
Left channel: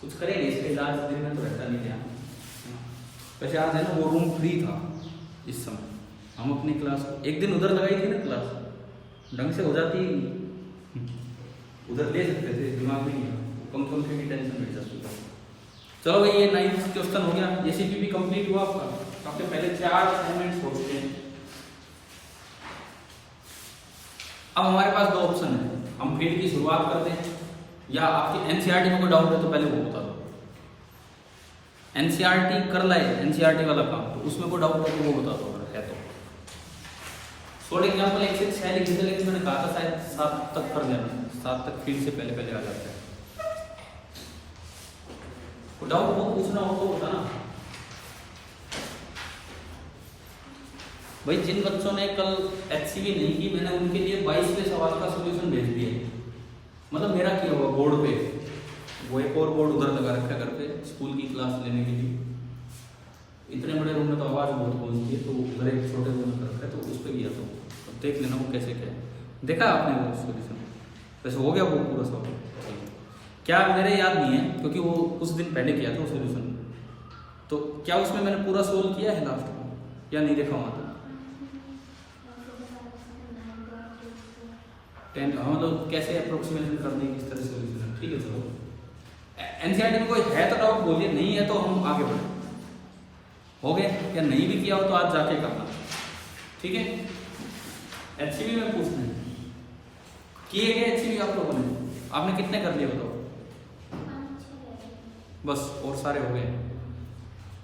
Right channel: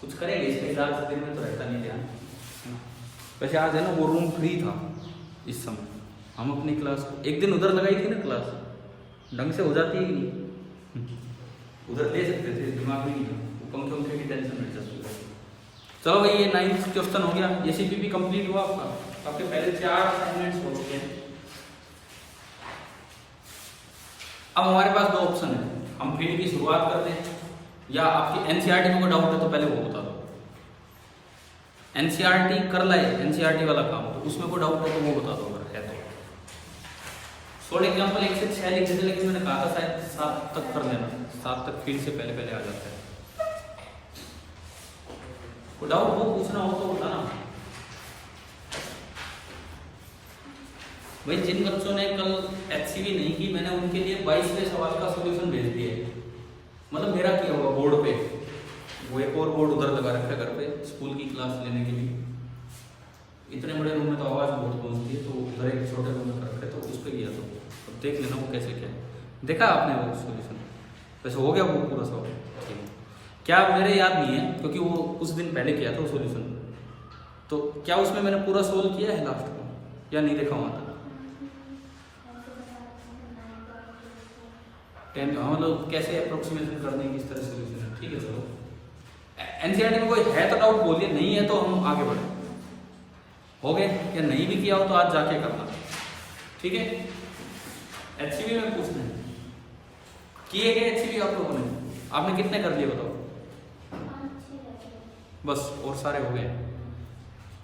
कुछ करेंगे इसका इलाज, दिन में तो रहता नहीं है। वैसे आज है ना, वो रूम फ्री था इस समय, हम अपनी क्लास एक दिन उधर लगाई थी ना, क्लास ढंग से हो जाती, उधर दे सकते थे, दिमाग में कम की टेंशन नहीं जाती। चलो भाई, ये 9th क्वेश्चन हो गया, जेसीपी भी कंप्लीट हुआ आपका, आपके पहले 4 असाइनमेंट्स हो चुके हैं। अब हमारे पास 2 ऑप्शन है, हम फील्ड की शुरुआत करते हैं, या आपकी एनसीईआरटी में कोई डाउट है तो पहले वो बता दो। एनसीईआरटी कर लाए, एनसीईआरटी वाला काम, तो उसमें कोई डाउट है तो वो बता दो अगर है तो। शॉर्ट एग्जांपल 1 से 6 लिख देते, लेकिन मैंने कहा था शायद 7 तक कर लेना, 7 तक फील्ड से पहले आ जाता है। कोई डाउट हो, पूछना हो तो बताना भाई। जिन बच्चों ने कल एचसीवी नहीं की, मैंने उनके लिए 22वें सवाल का सॉल्यूशन भेज दिया है, मतलब मेरा किया हुआ बोर्ड पे, वो एक और बोर्ड उधर लगा रखा है घर पे स्कूल की क्लास लेने के लिए। इतने बड़े रूम में तो आवाज़ बहुत गूंजती है, तो उधर एक छोटे रूम में रखा है, तो उस पर किया। तो अब देख लेना वो कैसे क्या है, देखा आपने वो सोल्यूशन, वैसे हो गया वो पूरा सॉल्व, ठीक है। क्या मेरे याद नहीं है क्योंकि वो कुछ दिन पहले किया था वो सोल्यूशन, तो क्या उसमें मैंने पूरा सोल्व किया है लास्ट को या नहीं देखा वहाँ तक? हम लोग कैसे अप्रोक्सीमेशन करने की किस तरह सोल्यूशन है, ठीक है। चलो एनसीईआरटी में कोई है तो डाउट बोलिए, नहीं है तो हम आगे बढ़े। हो गए, या नहीं भी किया हो तो आज जाके करना, ठीक है, HCV में पूछना है किए गए HCV आप लोगों ने, आपने कितने कर लिए बताओ? बस और सारे हो गए?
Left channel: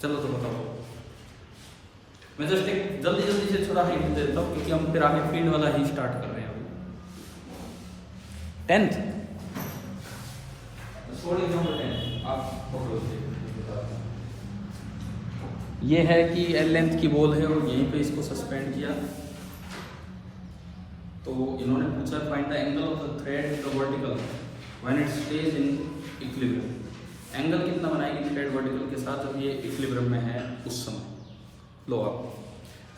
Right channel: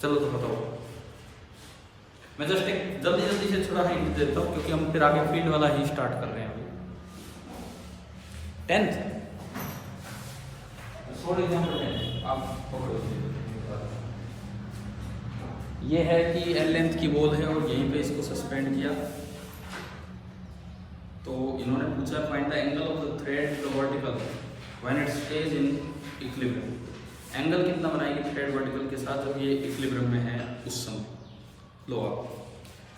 चलो तो बताओ। मैं जस्ट एक जल्दी जल्दी से थोड़ा हिंट देता हूँ क्योंकि हम फिर आगे फील्ड वाला ही स्टार्ट कर रहे हैं अभी। 10th आप ये है कि एल लेंथ की बॉल है और यहीं पे इसको सस्पेंड किया, तो इन्होंने पूछा find the angle of the thread with the vertical when it stage in equilibrium. Angle कितना बनाएगी थ्रेड वर्टिकल के साथ जब ये इक्विलिब्रियम में है उस समय। लो आप,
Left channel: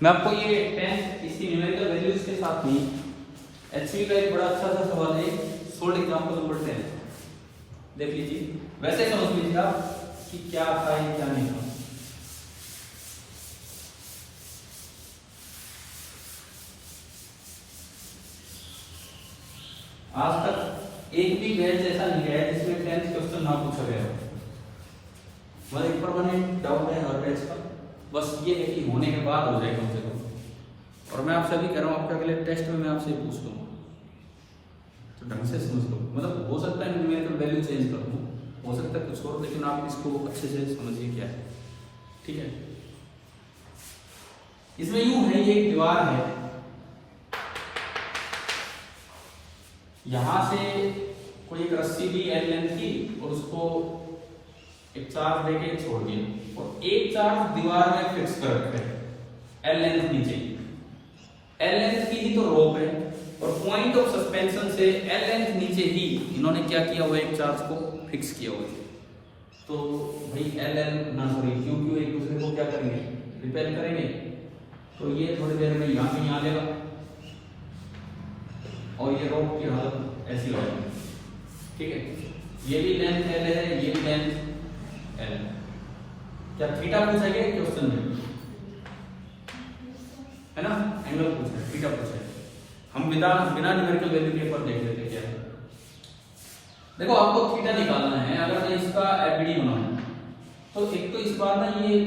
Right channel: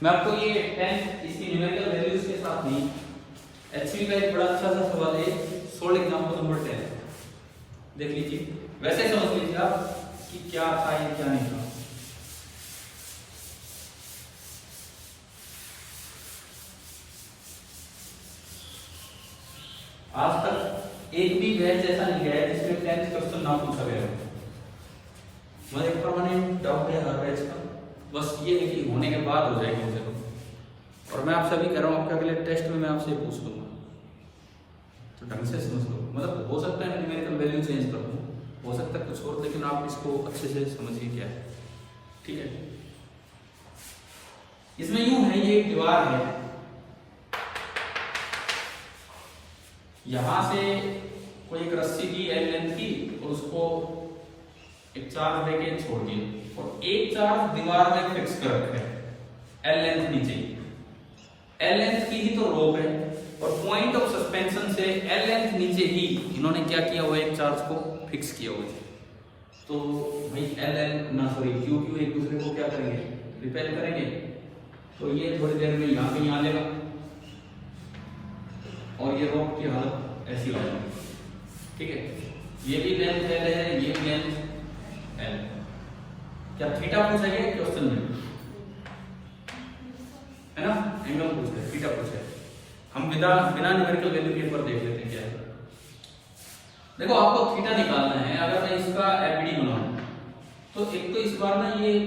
मैं आपको ये 10 इसकी न्यूमेरिकल वैल्यूज के साथ नहीं, HCV का एक बड़ा अच्छा सा सवाल है, सोल्ड एग्जांपल नंबर 10 देख लीजिए, वैसे समझ लीजिएगा कि क्या था ये क्या नहीं था। आज तक एक भी बैच ऐसा नहीं गया जिसमें 10th क्वेश्चन ना पूछा गया हो। मुझे एक परमानेंट डाउट है हर बैच का, बस ये है कि होने के बाद हो जाएगा मुझे लोग। और मैं आपसे भी कह रहा हूँ आपके अगले टेस्ट में मैं आपसे पूछ लूंगा, तो ढंग से समझ लो। मतलब हो सकता है न्यूमेरिकल वैल्यू चेंज कर दूँ, हो सकता है कुछ और, लेकिन आप इसको अच्छे से समझिए क्या है। ठीक है, इसमें यूं है, ये एक दीवार है, यहां से कोई एक रस्सी की एल लेंथ की और उसको एक चार्ज देके छोड़ दिए और एक चार्ज दीवार में फिक्स कर रखे एल लेंथ नीचे। एल लेंथ की ही तो रोप है और पॉइंट ऑफ सस्पेंशन से एल लेंथ नीचे ही इन्होंने क्या किया हुआ है, एक चार्ज को फिक्स किया हुआ है। तो भाई एल एल ना सॉरी क्यू क्यू एक दूसरे को क्या करेंगे, रिपेल करेंगे। तो ये थोड़ी देर में यहाँ पे यहाँ देगा और ये रोप की हालत ऐसी हो जाएगी। ठीक है, ये भी लेंथ एल है, ये भी लेंथ एल। क्या थीटा पूछा गया क्वेश्चन में, है ना, एंगल पूछा है, थीटा पूछा है। हम बिना न्यूमेरिकल वैल्यू के ऊपर देख लेते हैं क्या है। देखो आपको थीटा निकालना है, अगर मैं इसका एफबीडी बनाऊं तो एक तो इस बार ना ये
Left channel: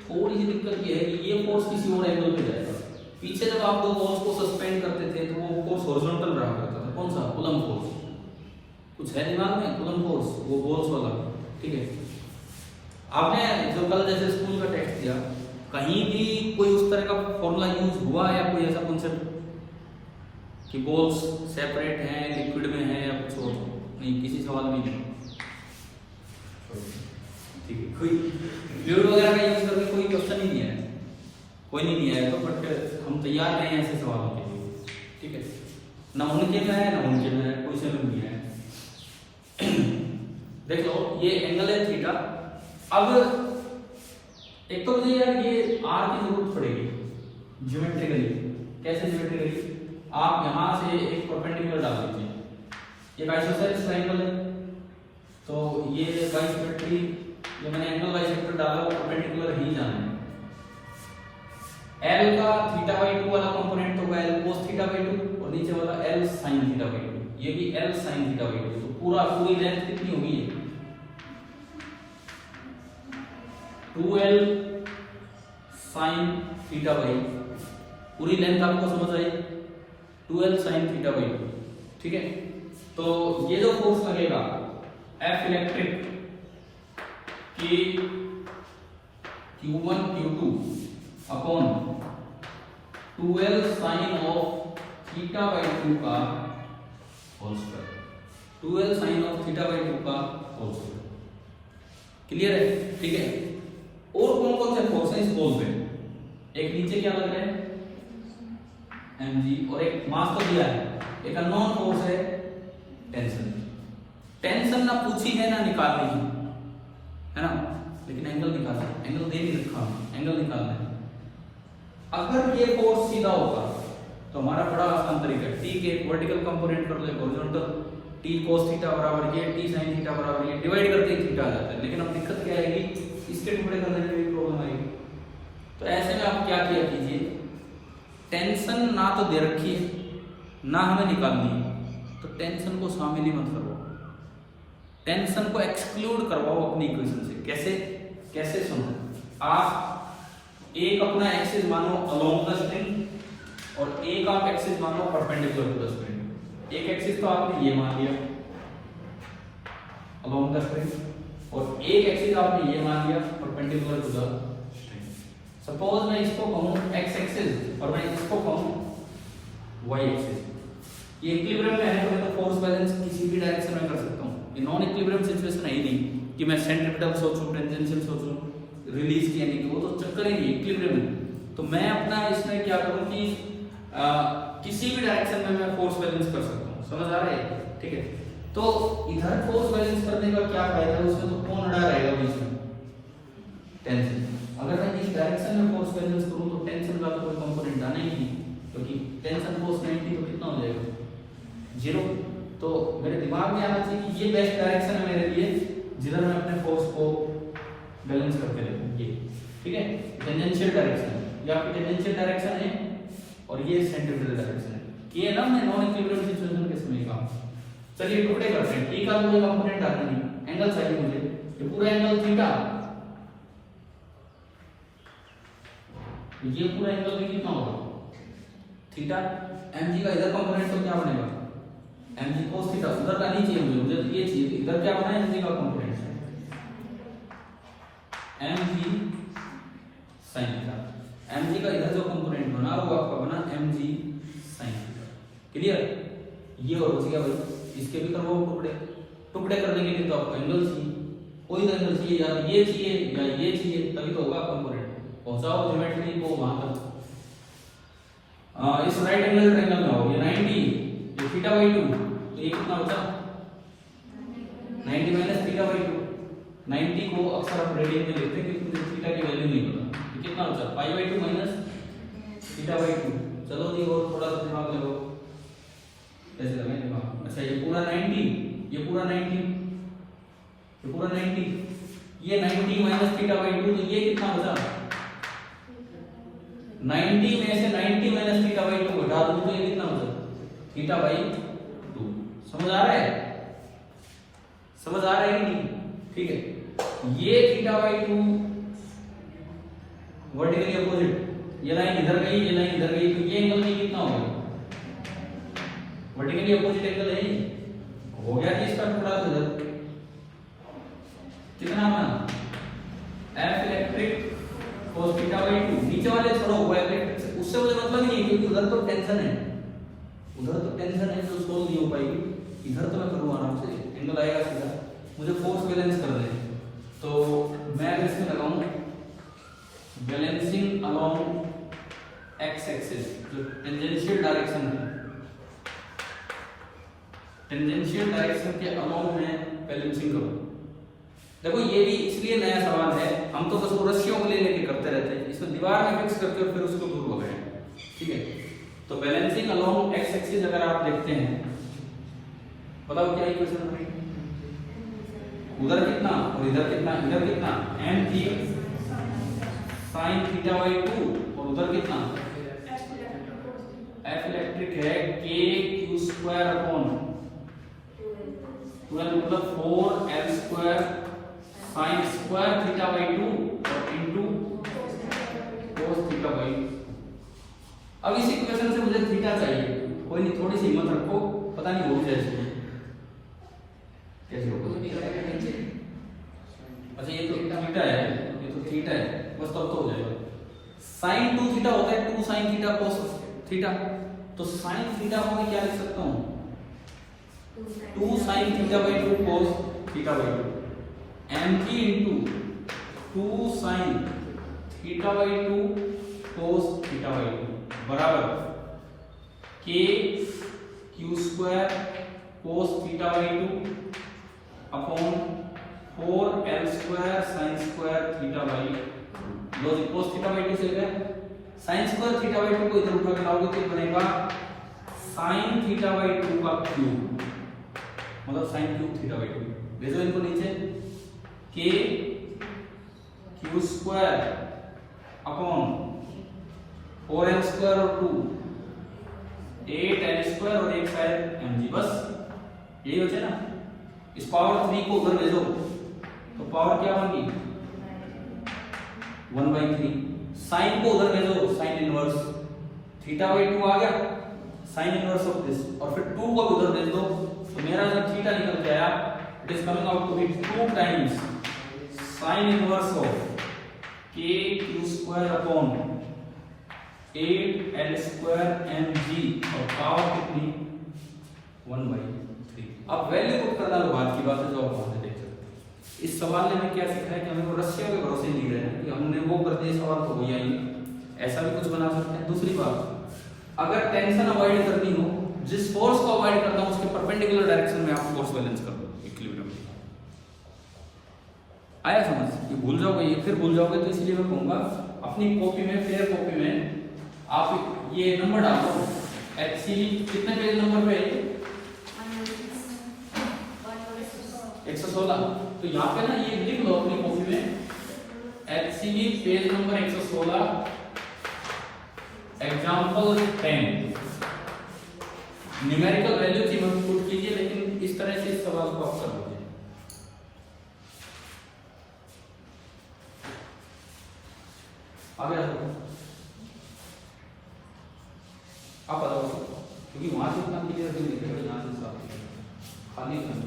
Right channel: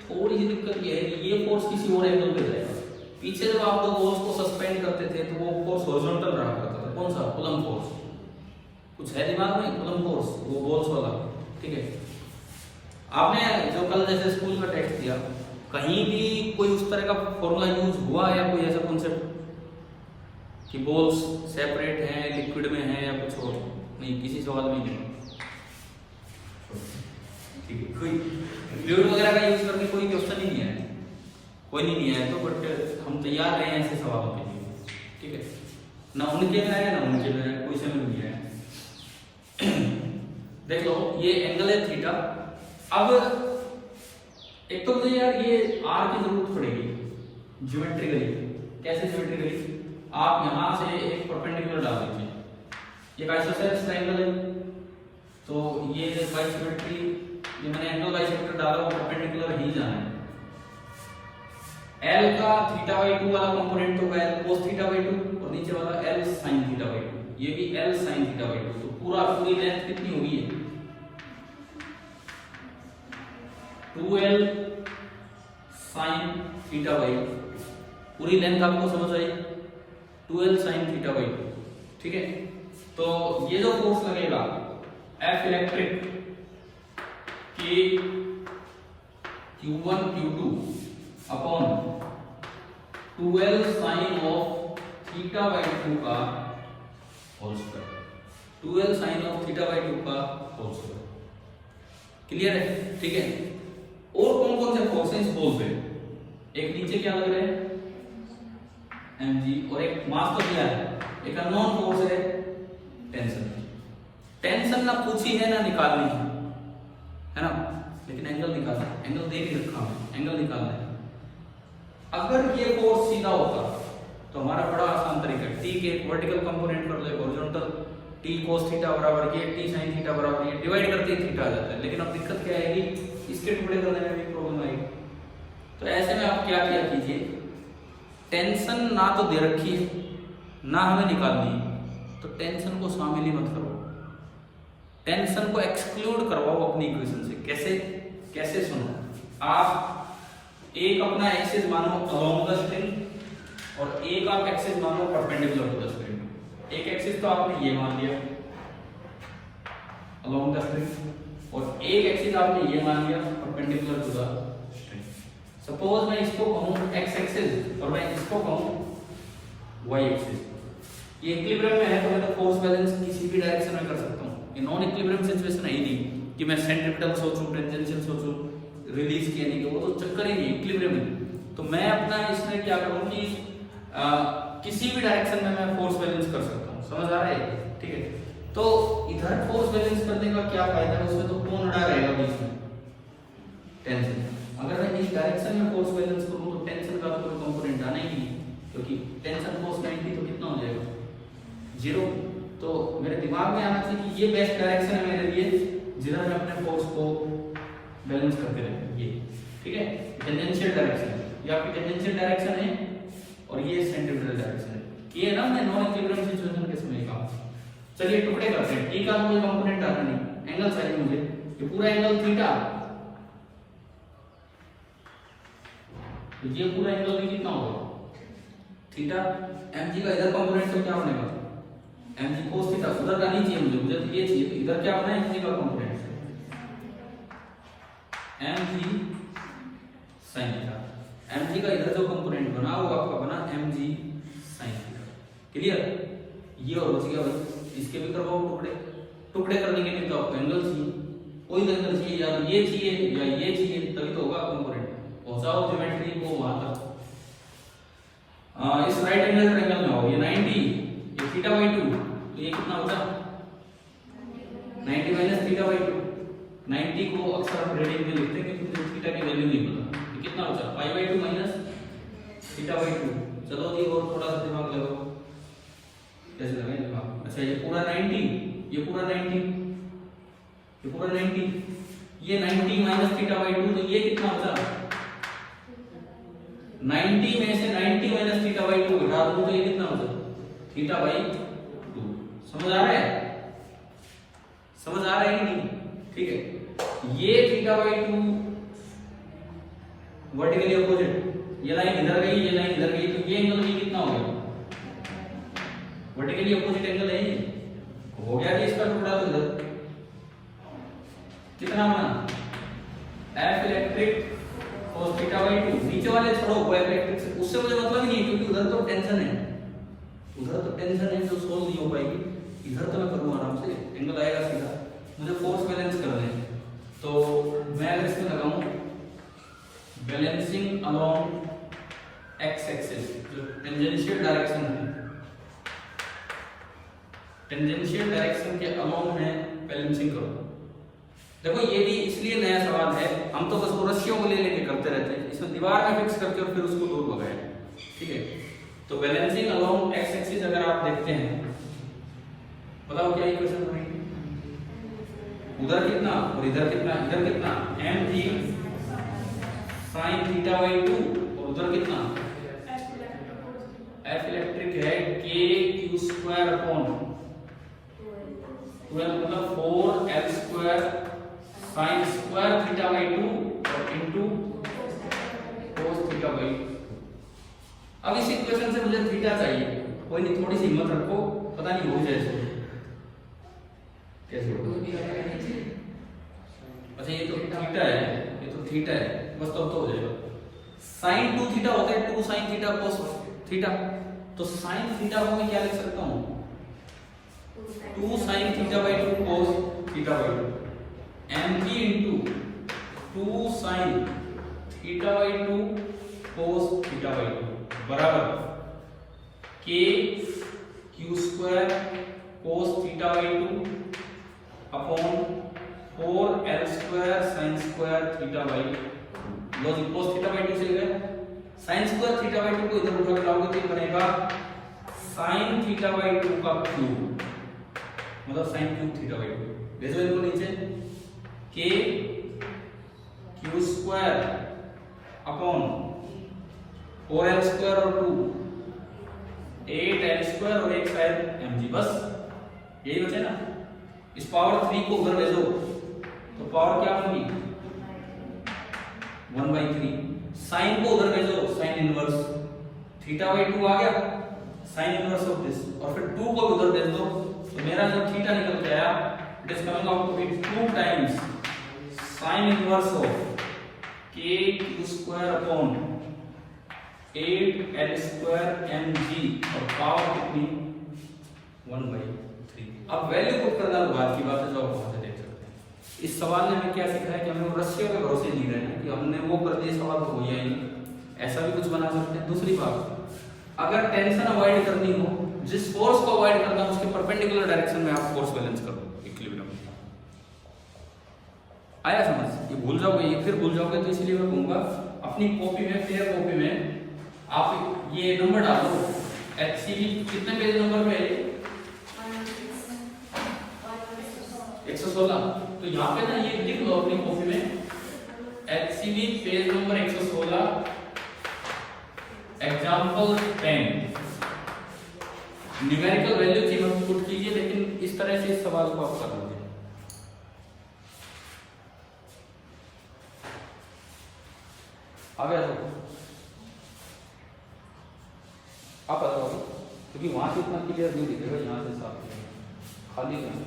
थोड़ी सी दिक्कत ये है कि ये फोर्स किसी और एंगल पे जाएगा। पीछे जब आप लोग बॉल्स को सस्पेंड करते थे तो वो फोर्स हॉरिजॉन्टल रहा करता था, कौन सा, कूलम फोर्स। कुछ है दिमाग में, कूलम फोर्स, वो बॉल्स वाला। ठीक है, आपने जो कल जैसे स्कूल का टेस्ट दिया, कहीं भी कोई उस तरह का फॉर्मूला यूज हुआ या कोई ऐसा कॉन्सेप्ट कि बॉल्स सेपरेट हैं, लिक्विड में है या कुछ और? नहीं, किसी सवाल में नहीं। ठीक है, कोई फ्लूइड वगैरह का यूज करके कोई क्वेश्चन ही नहीं है, कोई नहीं आया तो, बट हम तैयार रहे हैं ऐसे सवालों के लिए। ठीक है, ना उनके में है ना उनके में है, कोई से में नहीं है। देख लो ये एंगल है थीटा। अब एक तो मुझे यार ये आर की जरूरत पड़ेगी ज्योमेट्रिकली। कैसे ज्योमेट्रिकली, आप यहां से एक परपेंडिकुलर डाल दीजिए, ये आइसोसेलेस ट्रायंगल है, तो ये बाइसेक्टर, ये मैंने एंगल बाइसेक्टर डाला, परपेंडिकुलर ही जाना है। L का थीटा बाई 2 वाला कंपोनेंट तो L cos थीटा बाई 2 और नीचे वाला L sin थीटा बाई 2, ये भी L sin थीटा बाई 2। तो पूरी लेंथ कितनी होगी, 2L sin थीटा बाई, पूरी लेंथ आपको समझ आई, 2L sin थीटा बाई 2। ठीक है, तो ये जो फोर्स लगेगा F इलेक्ट्रिक की Q1 Q2 upon 2L sine of theta by 2 का whole square, 2L sine of theta by 2 का होल स्क्वायर। क्लियर है? ठीक है, और कौन कौन से फोर्सेस बोलते हैं, एक नीचे क्या लग रहा है mg, और एक मास तो दिया है, एक अननोन फोर्स है टेंशन। टेंशन ना पूछी है ना निकालनी है ना, लेकिन एंगल निकालना है, एंगल दे नहीं रखा है, एंगल निकालना है। अगर ये फोर्स सीधा होता तो हमारा बड़ा आसान तरीका है, टी के एक वर्टिकल कंपोनेंट कर ले हॉरिजॉन्टल, टी cos थीटा बराबर ये, टी sin थीटा बराबर ये, डिवाइड करते ही थीटा आ जाता है। लेकिन अब दिक्कत क्या आएगी, इसके टुकड़े करने में भी प्रॉब्लम आएगी। तो ऐसे में आप क्या किया कीजिए, टेंशन ना तो दे रखी है ना हमें निकालनी है, तो टेंशन को शामिल ही मत करो, टेंशन को एक्सक्लूड करवाओ अपनी इक्वेशन से। कैसे सुनो, आप एक अपना एक्सिस मानो अलोंग द स्ट्रिंग और एक आप एक्सिस मान लो परपेंडिकुलर टू द स्ट्रिंग। एक एक्सिस तो आपने ये मान लिया अलोंग द स्ट्रिंग और एक एक्सिस आपने ये मान लिया perpendicular to the string. Suppose मैं इसको कहूं एक्स एक्सिस और मैं इसको कहूं वाई एक्सिस। ये इक्विलिब्रियम में है तो मैं तो फोर्स बैलेंस किसी भी डायरेक्शन में कर सकता हूं। ये नॉन इक्विलिब्रियम सिचुएशन है ही नहीं कि मैं सेंट्रीपिटल सोचूं, टेंजेंशियल सोचूं, रिलीज किया नहीं कि वो तो चक्कर ही नहीं, इक्विलिब्रियम है। तो मैं अपना इसमें क्या करूं कि किसी भी डायरेक्शन में मैं फोर्स बैलेंस कर सकता हूं। समझ आ रहा है? ठीक है। तो इधर फोर्स बैलेंस करने का क्या फायदा है, उसमें तो कौन अड़ा रहेगा बीच में? टेंशन। अगर मैं इस डायरेक्शन में फोर्स बैलेंस करूं तो टेंशन का तो कोई कंपोनेंट आना ही नहीं, क्योंकि टेंशन फोर्स 90 तो कितना हो जाएगा? 0। तो मेरे दिमाग में आना चाहिए कि ये बेस्ट डायरेक्शन है मेरे लिए जिधर मैं अपने फोर्स को बैलेंस करते रहूं। ये ठीक है, टेंजेंशियल डायरेक्शन है, ये आपकी टेंजेंशियल डायरेक्शन है और ये सेंट्रीपिटल डायरेक्शन है। ये ना मैं नॉन इक्विलिब्रियम सिचुएशन के समय का। चलिए टुकड़े करते हैं। टी का मुझे कंपोनेंट आना नहीं, एंगल चाहिए मुझे। ये पूरा एंगल थीटा, तो ये पूरा एंगल भी कितना होगा? थीटा। mg का इधर कंपोनेंट तो क्या बनेगा? mg cos theta. उधर का नहीं चाहिए मुझे तो ये चाहिए। तो इधर क्या बना है? mg का component mg sin theta. mg का इधर जो कंपोनेंट बना वो आपका बना mg sin थीटा। क्लियर? ये और बच गया भाई, इसके भी करवाओ टुकड़े। टुकड़े करने के लिए तो आपको एंगल चाहिए, कोई तो एंगल चाहिए, या ये चाहिए या ये चाहिए, तभी तो होगा कंपोनेंट। पहुंचाओ ज्योमेट्री को वहां तक। इस राइट एंगल ट्रायंगल में हो ये 90, ये थीटा बाई 2, तो ये कितना बचा? 90 माइनस थीटा बाई 2। 90 को अक्सर आप रेडियन में लिखते हैं क्योंकि थीटा की वैल्यू नहीं पता। ये कितना बचा? Pi by 2 minus theta by 2। चलो जी और थोड़ा सा दिमाग लगाओ, कैसे लगाएं दिमाग? अच्छा ये पूरा 90, ये पूरा 90, ये पूरा 90, ये 90 माइनस थीटा बाई 2, तो ये कितना बचा? 90 में से 90 माइनस थीटा बाई 2 घटा दो तो ये कितना बचा? Theta by 2। समझ आ रहा है? समझ आ रहा है कि नहीं? ठीक है। ये थीटा बाई 2 वर्टिकली अपोजिट, ये लाइन इधर गई, ये लाइन इधर गई, तो ये एंगल भी कितना हो गया? वर्टिकली अपोजिट एंगल है ये। हो गया जी इसका टुकड़ा। तो इधर कितना बना? F electric cos theta by 2। नीचे वाले छोड़ो, वो एफ इलेक्ट्रिक से उससे मुझे मतलब नहीं है क्योंकि उधर तो टेंशन है, उधर तो टेंशन है जो सोल्व नहीं हो पाएगी। इधर तो मैं करूँ आराम से, एंगल आएगा सीधा। मुझे फोर्स बैलेंस करना है तो मैं इसमें लगाऊं बैलेंसिंग अलोंग एक्स एक्सिस, जो टेंजेंशियल डायरेक्शन है, टेंजेंशियल डायरेक्शन के अलोंग है बैलेंसिंग करो। देखो ये भी इसलिए नया सवाल है, हम तो बस रस्सियों को ले लेके करते रहते हैं, इसमें दीवार में फिक्स करके और फिर उसको दूर भगाएं। ठीक है, तो बैलेंसिंग अलोंग एक्स एक्सिस अगर आप देखते हैं, बताओ क्या इक्वेशन बनेगी? उधर कितना और इधर कितना? इधर कितना? m थी sin थीटा बाई 2 और उधर कितना? f इलेक्ट्रिक है k q स्क्वायर अपॉन 12 मतलब 4l square sin square theta by 2 और इनटू cos थीटा बाई 2। अब इस इक्वेशन से मुझे थीटा चाहिए, कोई नहीं, थोड़ी सी हिम्मत रखो, पता नहीं हो जाए कैसे होगा। अच्छा ये तो थीटा है, ये तो थीटा है, बस तब तो हो जाएगा। sin 2 थीटा होता है 2 sin थीटा cos थीटा, तो sin थीटा को मैं क्या लिख सकता हूँ? 2 sin theta by 2 cos theta by 2 m3 into 2 sin theta by 2 cos theta by 2 बराबर k q square cos theta by 2 upon 4l square sin square theta by 2। लो जी cos थीटा बाई 2 से गया, sin स्क्वायर थीटा बाई 2 को इधर उठा के लाओगे तो बनेगा sin थीटा बाई 2 का क्यूब, मतलब sin क्यूब थीटा बाई 2। भेजो इनको नीचे, k q square upon 4l square और 2 8l स्क्वायर और एक शायद mg, बस यही बचे ना। इस पावर 3 को उधर भेजो तो पावर क्या बन गई? 1/3। साइन को उधर भेजो, साइन इनवर्स थीटा बाई 2 आ गया साइन इनवर्स ऑफ दिस, और फिर 2 को उधर दे दो तो मेरा जो थीटा निकल के आया it is coming out to be 2 times sine inverse of k q square upon 8 l square mg और पावर कितनी 1/3। अब वैल्यू पुट करना तो बाद की बात है जो आप वहां से देख सकते हैं। इस सवाल ने हमें क्या सीखा है कि हमें वो रस्सियों के भरोसे जी रहे हैं कि हमने वो कर दिया सवाल तो हो ही आएगा, ऐसा भी कुछ बना सकते हैं। दूसरी बात, अगर टेंशन अवॉइड करनी हो, जिस फोर्स को अवॉइड करना हो उसके परपेंडिकुलर डायरेक्शन में आप फोर्स बैलेंस कर दो इक्विलिब्रियम। आया समझ? ये भूल जाओगे, ये फिर भूल जाओगे, तो इसलिए मैं कहूंगा अपनी कॉपी में, फेयर कॉपी में आप ये नंबर डालो एक्चुअली कितने पेज नंबर पे 116। तो यहाँ पे ना ये लिख लो अपनी कॉपी में actually page number 116 example 10। Numerical value की मत पुट कीजिए, लेकिन इस तरह से इस सवाल को आप कर लोगे। आप बताओ, क्योंकि वहां से इतना क्लियर नहीं दिखेगा, यहाँ से साफ खाली नहीं।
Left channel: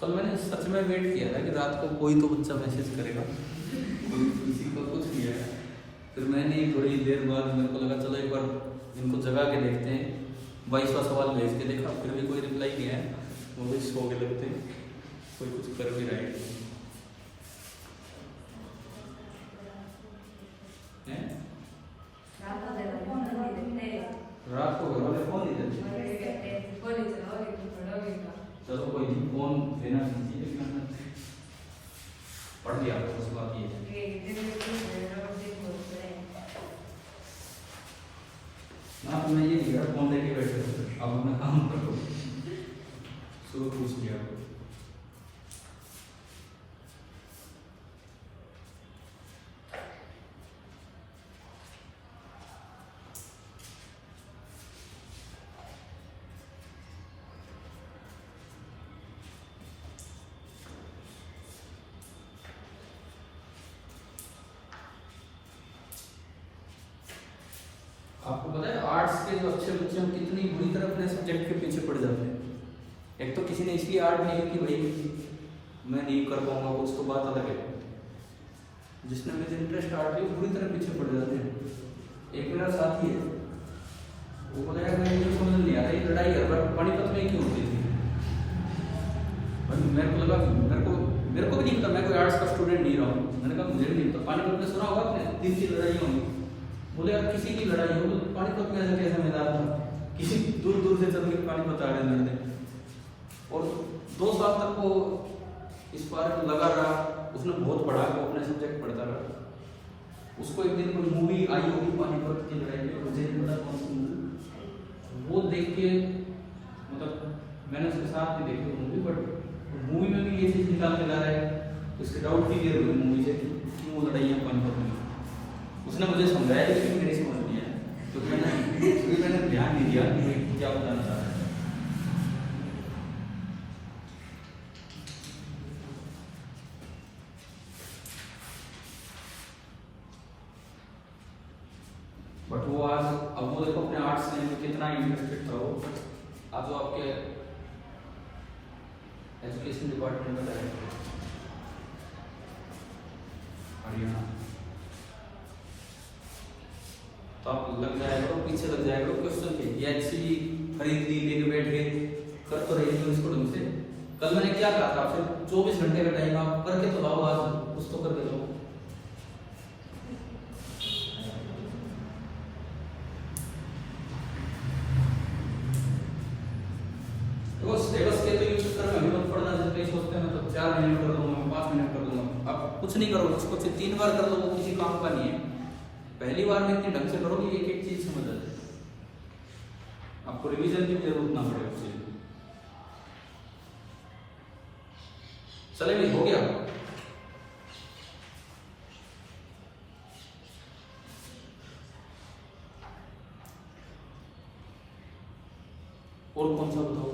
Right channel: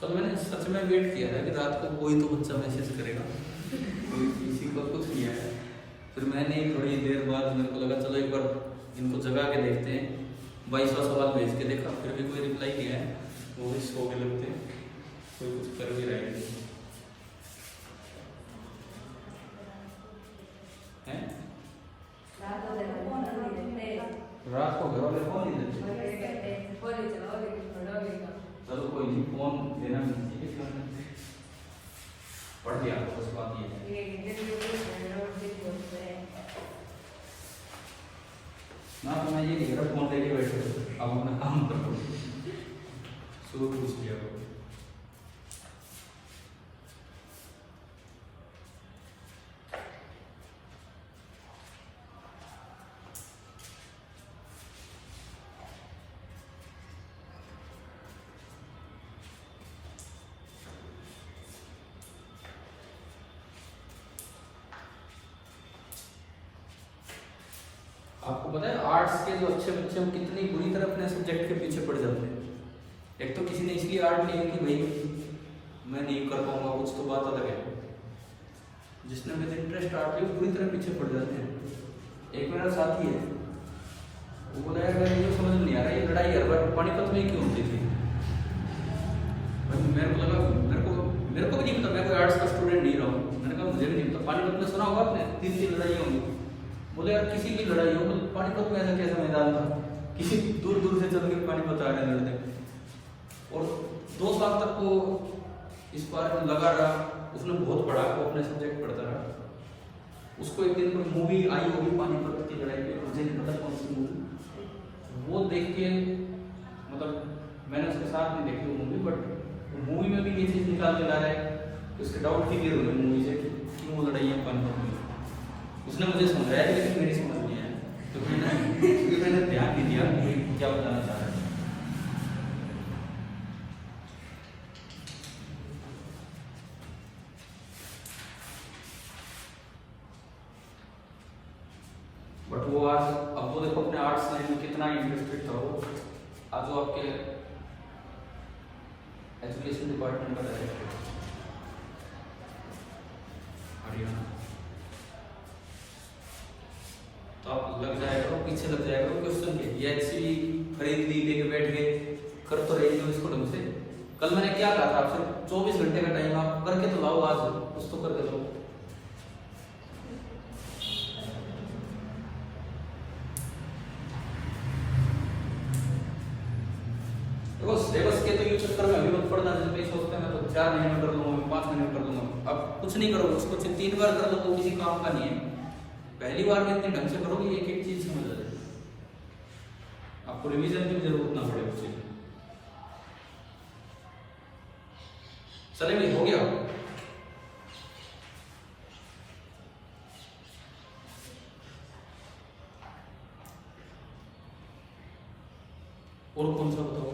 कल मैंने सच में वेट किया था कि रात को कोई तो बच्चा मैसेज करेगा, किसी को कुछ किया है। फिर मैंने थोड़ी देर बाद मेरे को लगा चलो एक बार इनको जगा के देखते हैं, 22वां सवाल भेज के देखा, फिर भी कोई रिप्लाई नहीं है, वो भी सो के लगते हैं, कोई कुछ कर भी रहे हैं। रात को घर वाले फोन नहीं देते, चलो कोई नहीं, फोन देना चाहिए, पढ़ लिया उस बात ये ना, तो मैं ये नहीं कह फोन लेके बैठे अब मैं काम करो, शुरू पूछ लिया। आपको पता है आर्ट्स के जो अच्छे बच्चे हैं कितनी बुरी तरह अपने सब्जेक्ट के पीछे पड़ जाते हैं। एक तो किसी ने इसलिए आर्ट नहीं की भाई मैं नहीं कर पाऊंगा कुछ, तो बात अलग है। जिसने मेरे इंटरेस्ट आर्ट में बुरी तरह पीछे पड़ जाते हैं। एक मेरा साथी है, वो बोला यार मेरे को समझ नहीं आ रही लड़ाई है बट पानीपत में क्यों होती थी। मेरे को लगा मेरे को भी नहीं पता, मैं कोई आर्ट्स का स्टूडेंट नहीं रहा हूँ। मैंने कहा मुझे भी नहीं पता, पानीपत में सुना होगा आपने 3 लड़ाई होंगी। बोले यार किसी की लड़ाई हो तो पानीपत में ऐसा कैसा मैदान था, किसी दूर दूर से चल के पानीपत आ रहे लड़ते। और 2 साल तक वो इस बार में लगा रहा, उसने बहुत पढ़ा, वो अपने सब्जेक्ट पढ़ता रहा। उसको एक दिन कोई मूवी आई होगी पानीपत की लड़ाई में, मुझे नहीं पता कौन सी मूवी, वो देख के मतलब मैंने उसके साथ भी देखी वो मूवी, बट मूवी में भी ये चीज़ निकाल के ला रहा है तो इसके डाउट क्लियर हो गए मूवी से कि वो लड़ाइयाँ पानीपत में। उसने मुझे समझाया लेकिन मेरे समझ नहीं आया, क्योंकि मैंने ध्यान नहीं दिया कि क्या बताना चाह रहा है। बट वो आज अब वो देखो अपने आर्ट्स लाइन में कितना इंटरेस्टेड था वो। आज वो आपके एजुकेशन डिपार्टमेंट में डायरेक्टर हरियाणा, तो आप लग जाएगा वो पीछे लग जाएगा क्वेश्चन पे, या इसीलिए खरीद ली लेके बैठ गए, कर तो रही हो इसको ढंग से। कल मैंने क्या कहा था आपसे, 24 घंटे का टाइम आप करके तो लाओ, आज कुछ तो करके लाओ। तो सिलेबस के तो चक्कर में अभी पढ़ना जब ये सोचते हैं तो 4 महीने कर दूंगा, 5 महीने कर दूंगा। अब कुछ नहीं करो, उसको 3 बार कर दो, वो किसी काम का नहीं है। पहली बार में इतने ढंग से करोगे एक एक चीज समझ आ जाए, आपको रिवीजन की जरूरत ना पड़े उसके लिए। चलेंगे, हो गया। और कौन सा बताओ?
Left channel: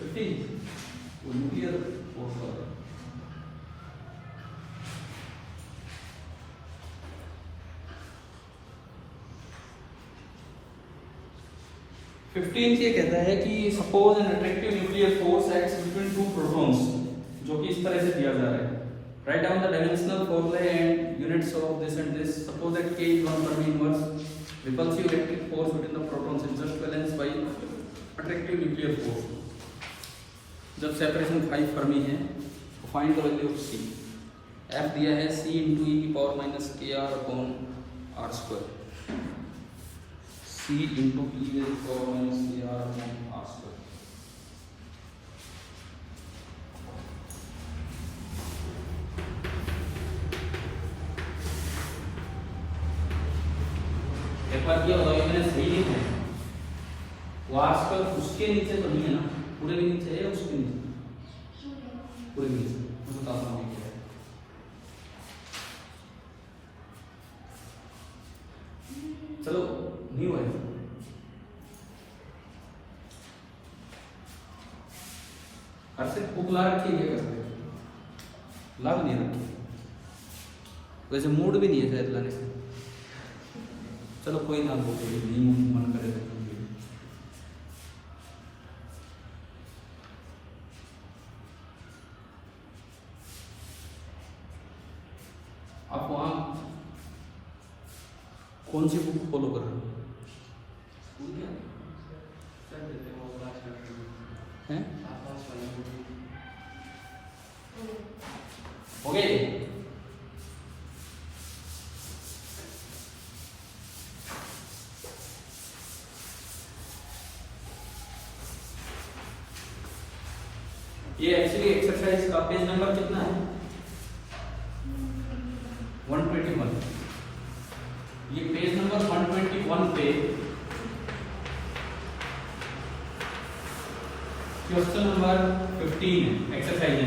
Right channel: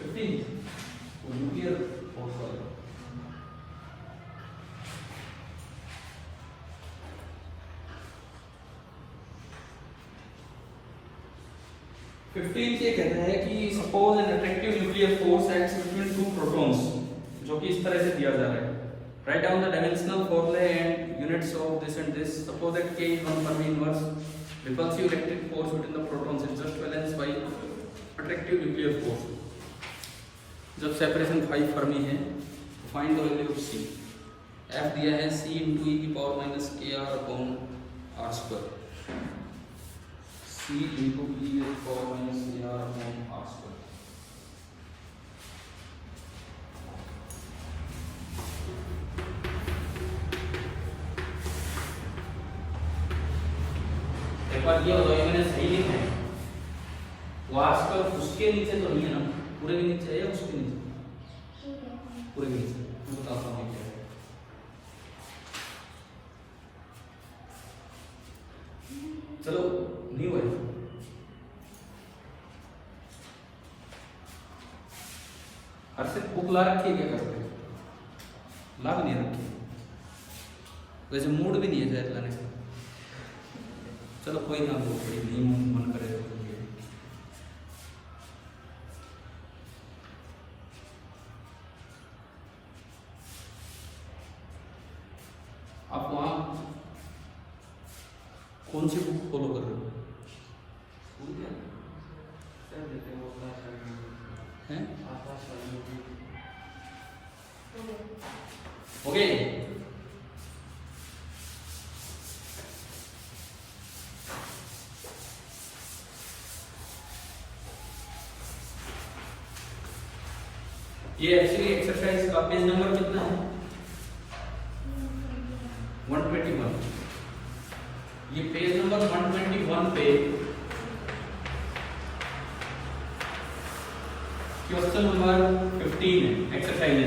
15 न्यूक्लियर फोर्स वाला। ये कहता है कि suppose an attractive nuclear force acts between two protons, जो कि इस तरह से दिया जा रहा है। Write down the dimensional formula and units of this and this. Suppose that K is 1 Fermi inverse repulsive electric force between the protons is just balanced by attractive nuclear force। जब सेपरेशन 5 फर्मी है, find the value of C। F दिया है C into e की power minus KR upon R square. C into e की power minus KR upon R square. एक बार ये बताइए, मैंने सही लिखा है वो R स्क्वायर उसके नीचे तो नहीं है ना, पूरे के नीचे है, उसके नीचे, पूरे के नीचे। मैं बताता हूँ क्या है। चलो नहीं हुआ है, सिर्फ बुक ला रखी है क्या? ला भी नहीं रखी, वैसे मूड भी नहीं है शायद लाने से। चलो कोई ना, बुक कोई नहीं मन करे तो आप वहां कौन सी बुक फॉलो कर रहे हो? ओके, ये एक्चुअली एक्सरसाइज का पेज नंबर कितना है? 121। ये पेज नंबर 121 पे क्वेश्चन नंबर 15 है, एक्सरसाइज है।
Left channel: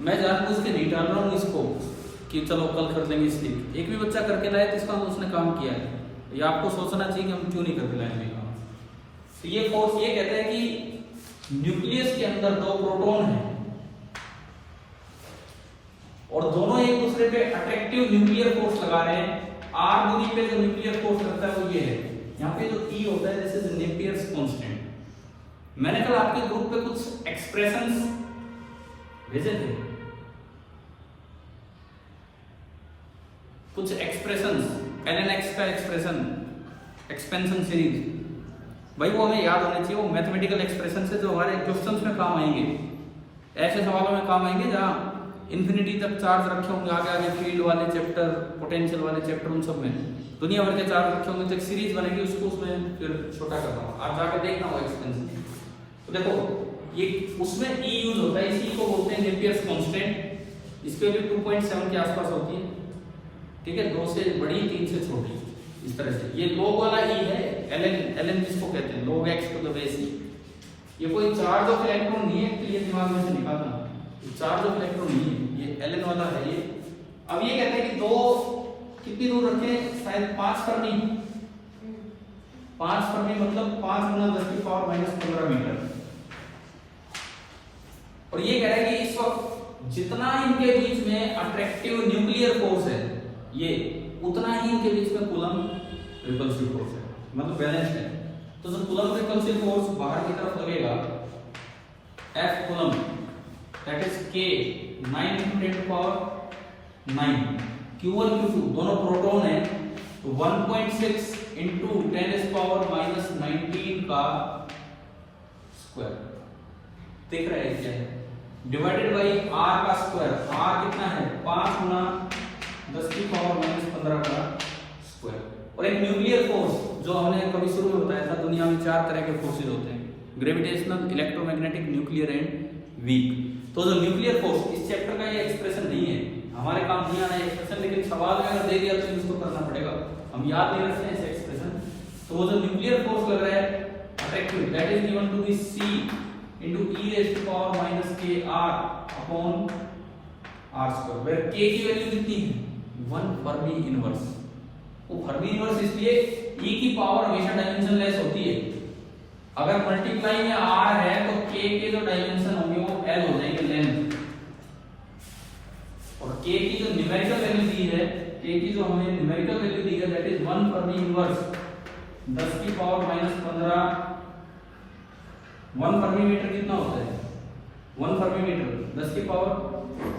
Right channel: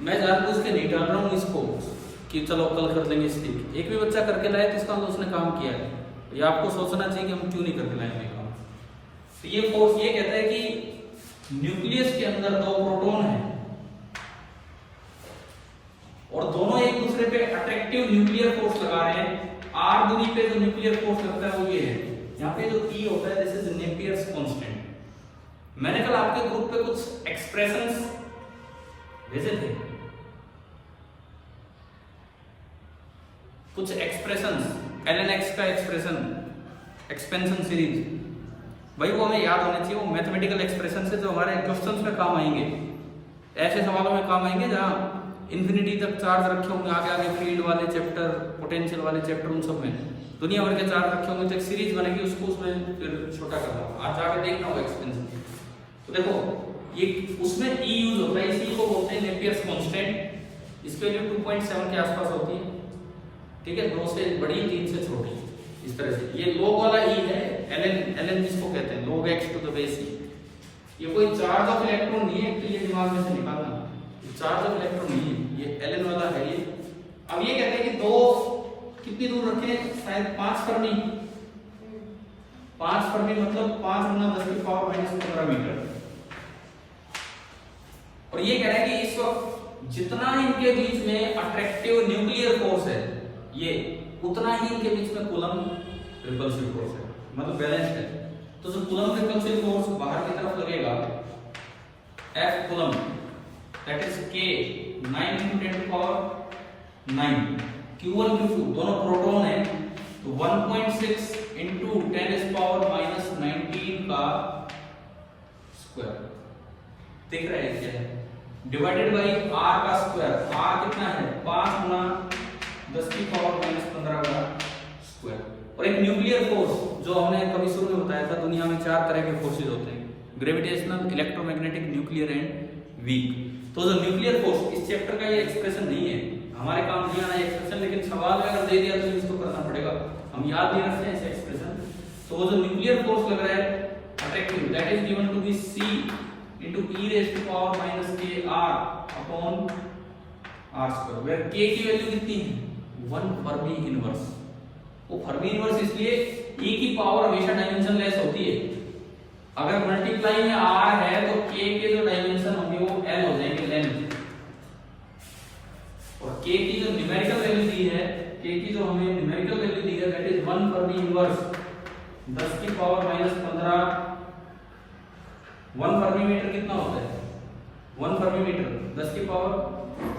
मैं जानबूझ के नहीं डाल रहा हूँ इसको कि चलो कल कर देंगे इसलिए। एक भी बच्चा करके लाए तो इसका उसने काम किया है। ये आपको सोचना चाहिए कि हम क्यों नहीं करके लाएंगे काम। तो ये फोर्स ये कहता है कि न्यूक्लियस के अंदर 2 प्रोटॉन हैं और दोनों एक दूसरे पे अट्रैक्टिव न्यूक्लियर फोर्स लगा रहे हैं। R दूरी पे जो न्यूक्लियर फोर्स लगता है वो ये है। यहाँ पे जो E होता है दिस इज नेपियर्स कांस्टेंट। मैंने कल आपके ग्रुप पे कुछ एक्सप्रेशंस भेजे थे, कुछ एक्सप्रेशंस, ln(x) का एक्सप्रेशन, एक्सपेंशन सीरीज, भाई वो हमें याद होने चाहिए। वो मैथमेटिकल एक्सप्रेशन से जो हमारे क्वेश्चंस में काम आएंगे, ऐसे सवालों में काम आएंगे जहां इन्फिनिटी तक चार्ज रखे होंगे, आगे आगे फील्ड वाले चैप्टर, पोटेंशियल वाले चैप्टर, उन सब में दुनिया भर के चार्ज रखे होंगे। तो एक सीरीज बनेगी, उसको उसमें फिर छोटा करना होगा, आप जाके देखना होगा एक्सपेंशन। तो देखो ये उसमें E यूज होता है, इसी को बोलते हैं नेपियर्स कांस्टेंट। इसकी वैल्यू 2.7 के आसपास होती है, ठीक है, 2 से बड़ी 3 से छोटी, इस तरह से। ये log वाला E है, ln जिसको कहते हैं log x to the base E। ये कोई चार्ज ऑफ इलेक्ट्रॉन नहीं है, तो ये दिमाग में से निकालना, चार्ज ऑफ इलेक्ट्रॉन नहीं है, ये ln वाला है ये। अब ये कहते हैं कि 2 कितनी दूर रखे, शायद 5 फर्मी। 5 फर्मी मतलब 5 गुना 10 की पावर -15 मीटर। और ये कह रहा है कि इस वक्त जितना इनके बीच में अट्रैक्टिव न्यूक्लियर फोर्स है, ये उतना ही इनके बीच में कूलम रिपल्सिव फोर्स है, मतलब बैलेंस्ड है। तो जो कूलम रिपल्सिव फोर्स बाहर की तरफ लगेगा, F coulomb, that is K 9 × 10⁻⁹, Q1 Q2 दोनों प्रोटॉन है, तो 1.6 × 10⁻⁻19 का स्क्वायर, देख रहे हैं क्या, डिवाइडेड बाई R का स्क्वायर। R कितना है, 5 गुना 10 की पावर -15 का स्क्वायर। और एक न्यूक्लियर फोर्स जो हमने कभी शुरू में बताया था, दुनिया में 4 तरह के फोर्सेज होते हैं, gravitational, electromagnetic, nuclear and weak. तो जो न्यूक्लियर फोर्स, इस चैप्टर का ये एक्सप्रेशन नहीं है, हमारे काम नहीं आना एक्सप्रेशन, लेकिन सवाल में अगर दे दिया तो इसको करना पड़ेगा, हम याद नहीं रखते हैं इस एक्सप्रेशन। तो वो जो न्यूक्लियर फोर्स लग रहा है attractive, that is given to be C × e⁻⁻kr upon R square, where K की वैल्यू कितनी है 1 फर्मी इनवर्स। वो फर्मी इनवर्स इसलिए ई की पावर हमेशा डायमेंशन लेस होती है। अगर मल्टीप्लाई में आर है तो के जो डायमेंशन होंगे वो एल हो जाएंगे, लेंथ। और के की जो न्यूमेरिकल वैल्यू दी है, के की जो हमें न्यूमेरिकल वैल्यू दी है दैट इज 1 फर्मी इनवर्स 10 की पावर -15। 1 फर्मी मीटर कितना होता है 1 फर्मी मीटर 10 की पावर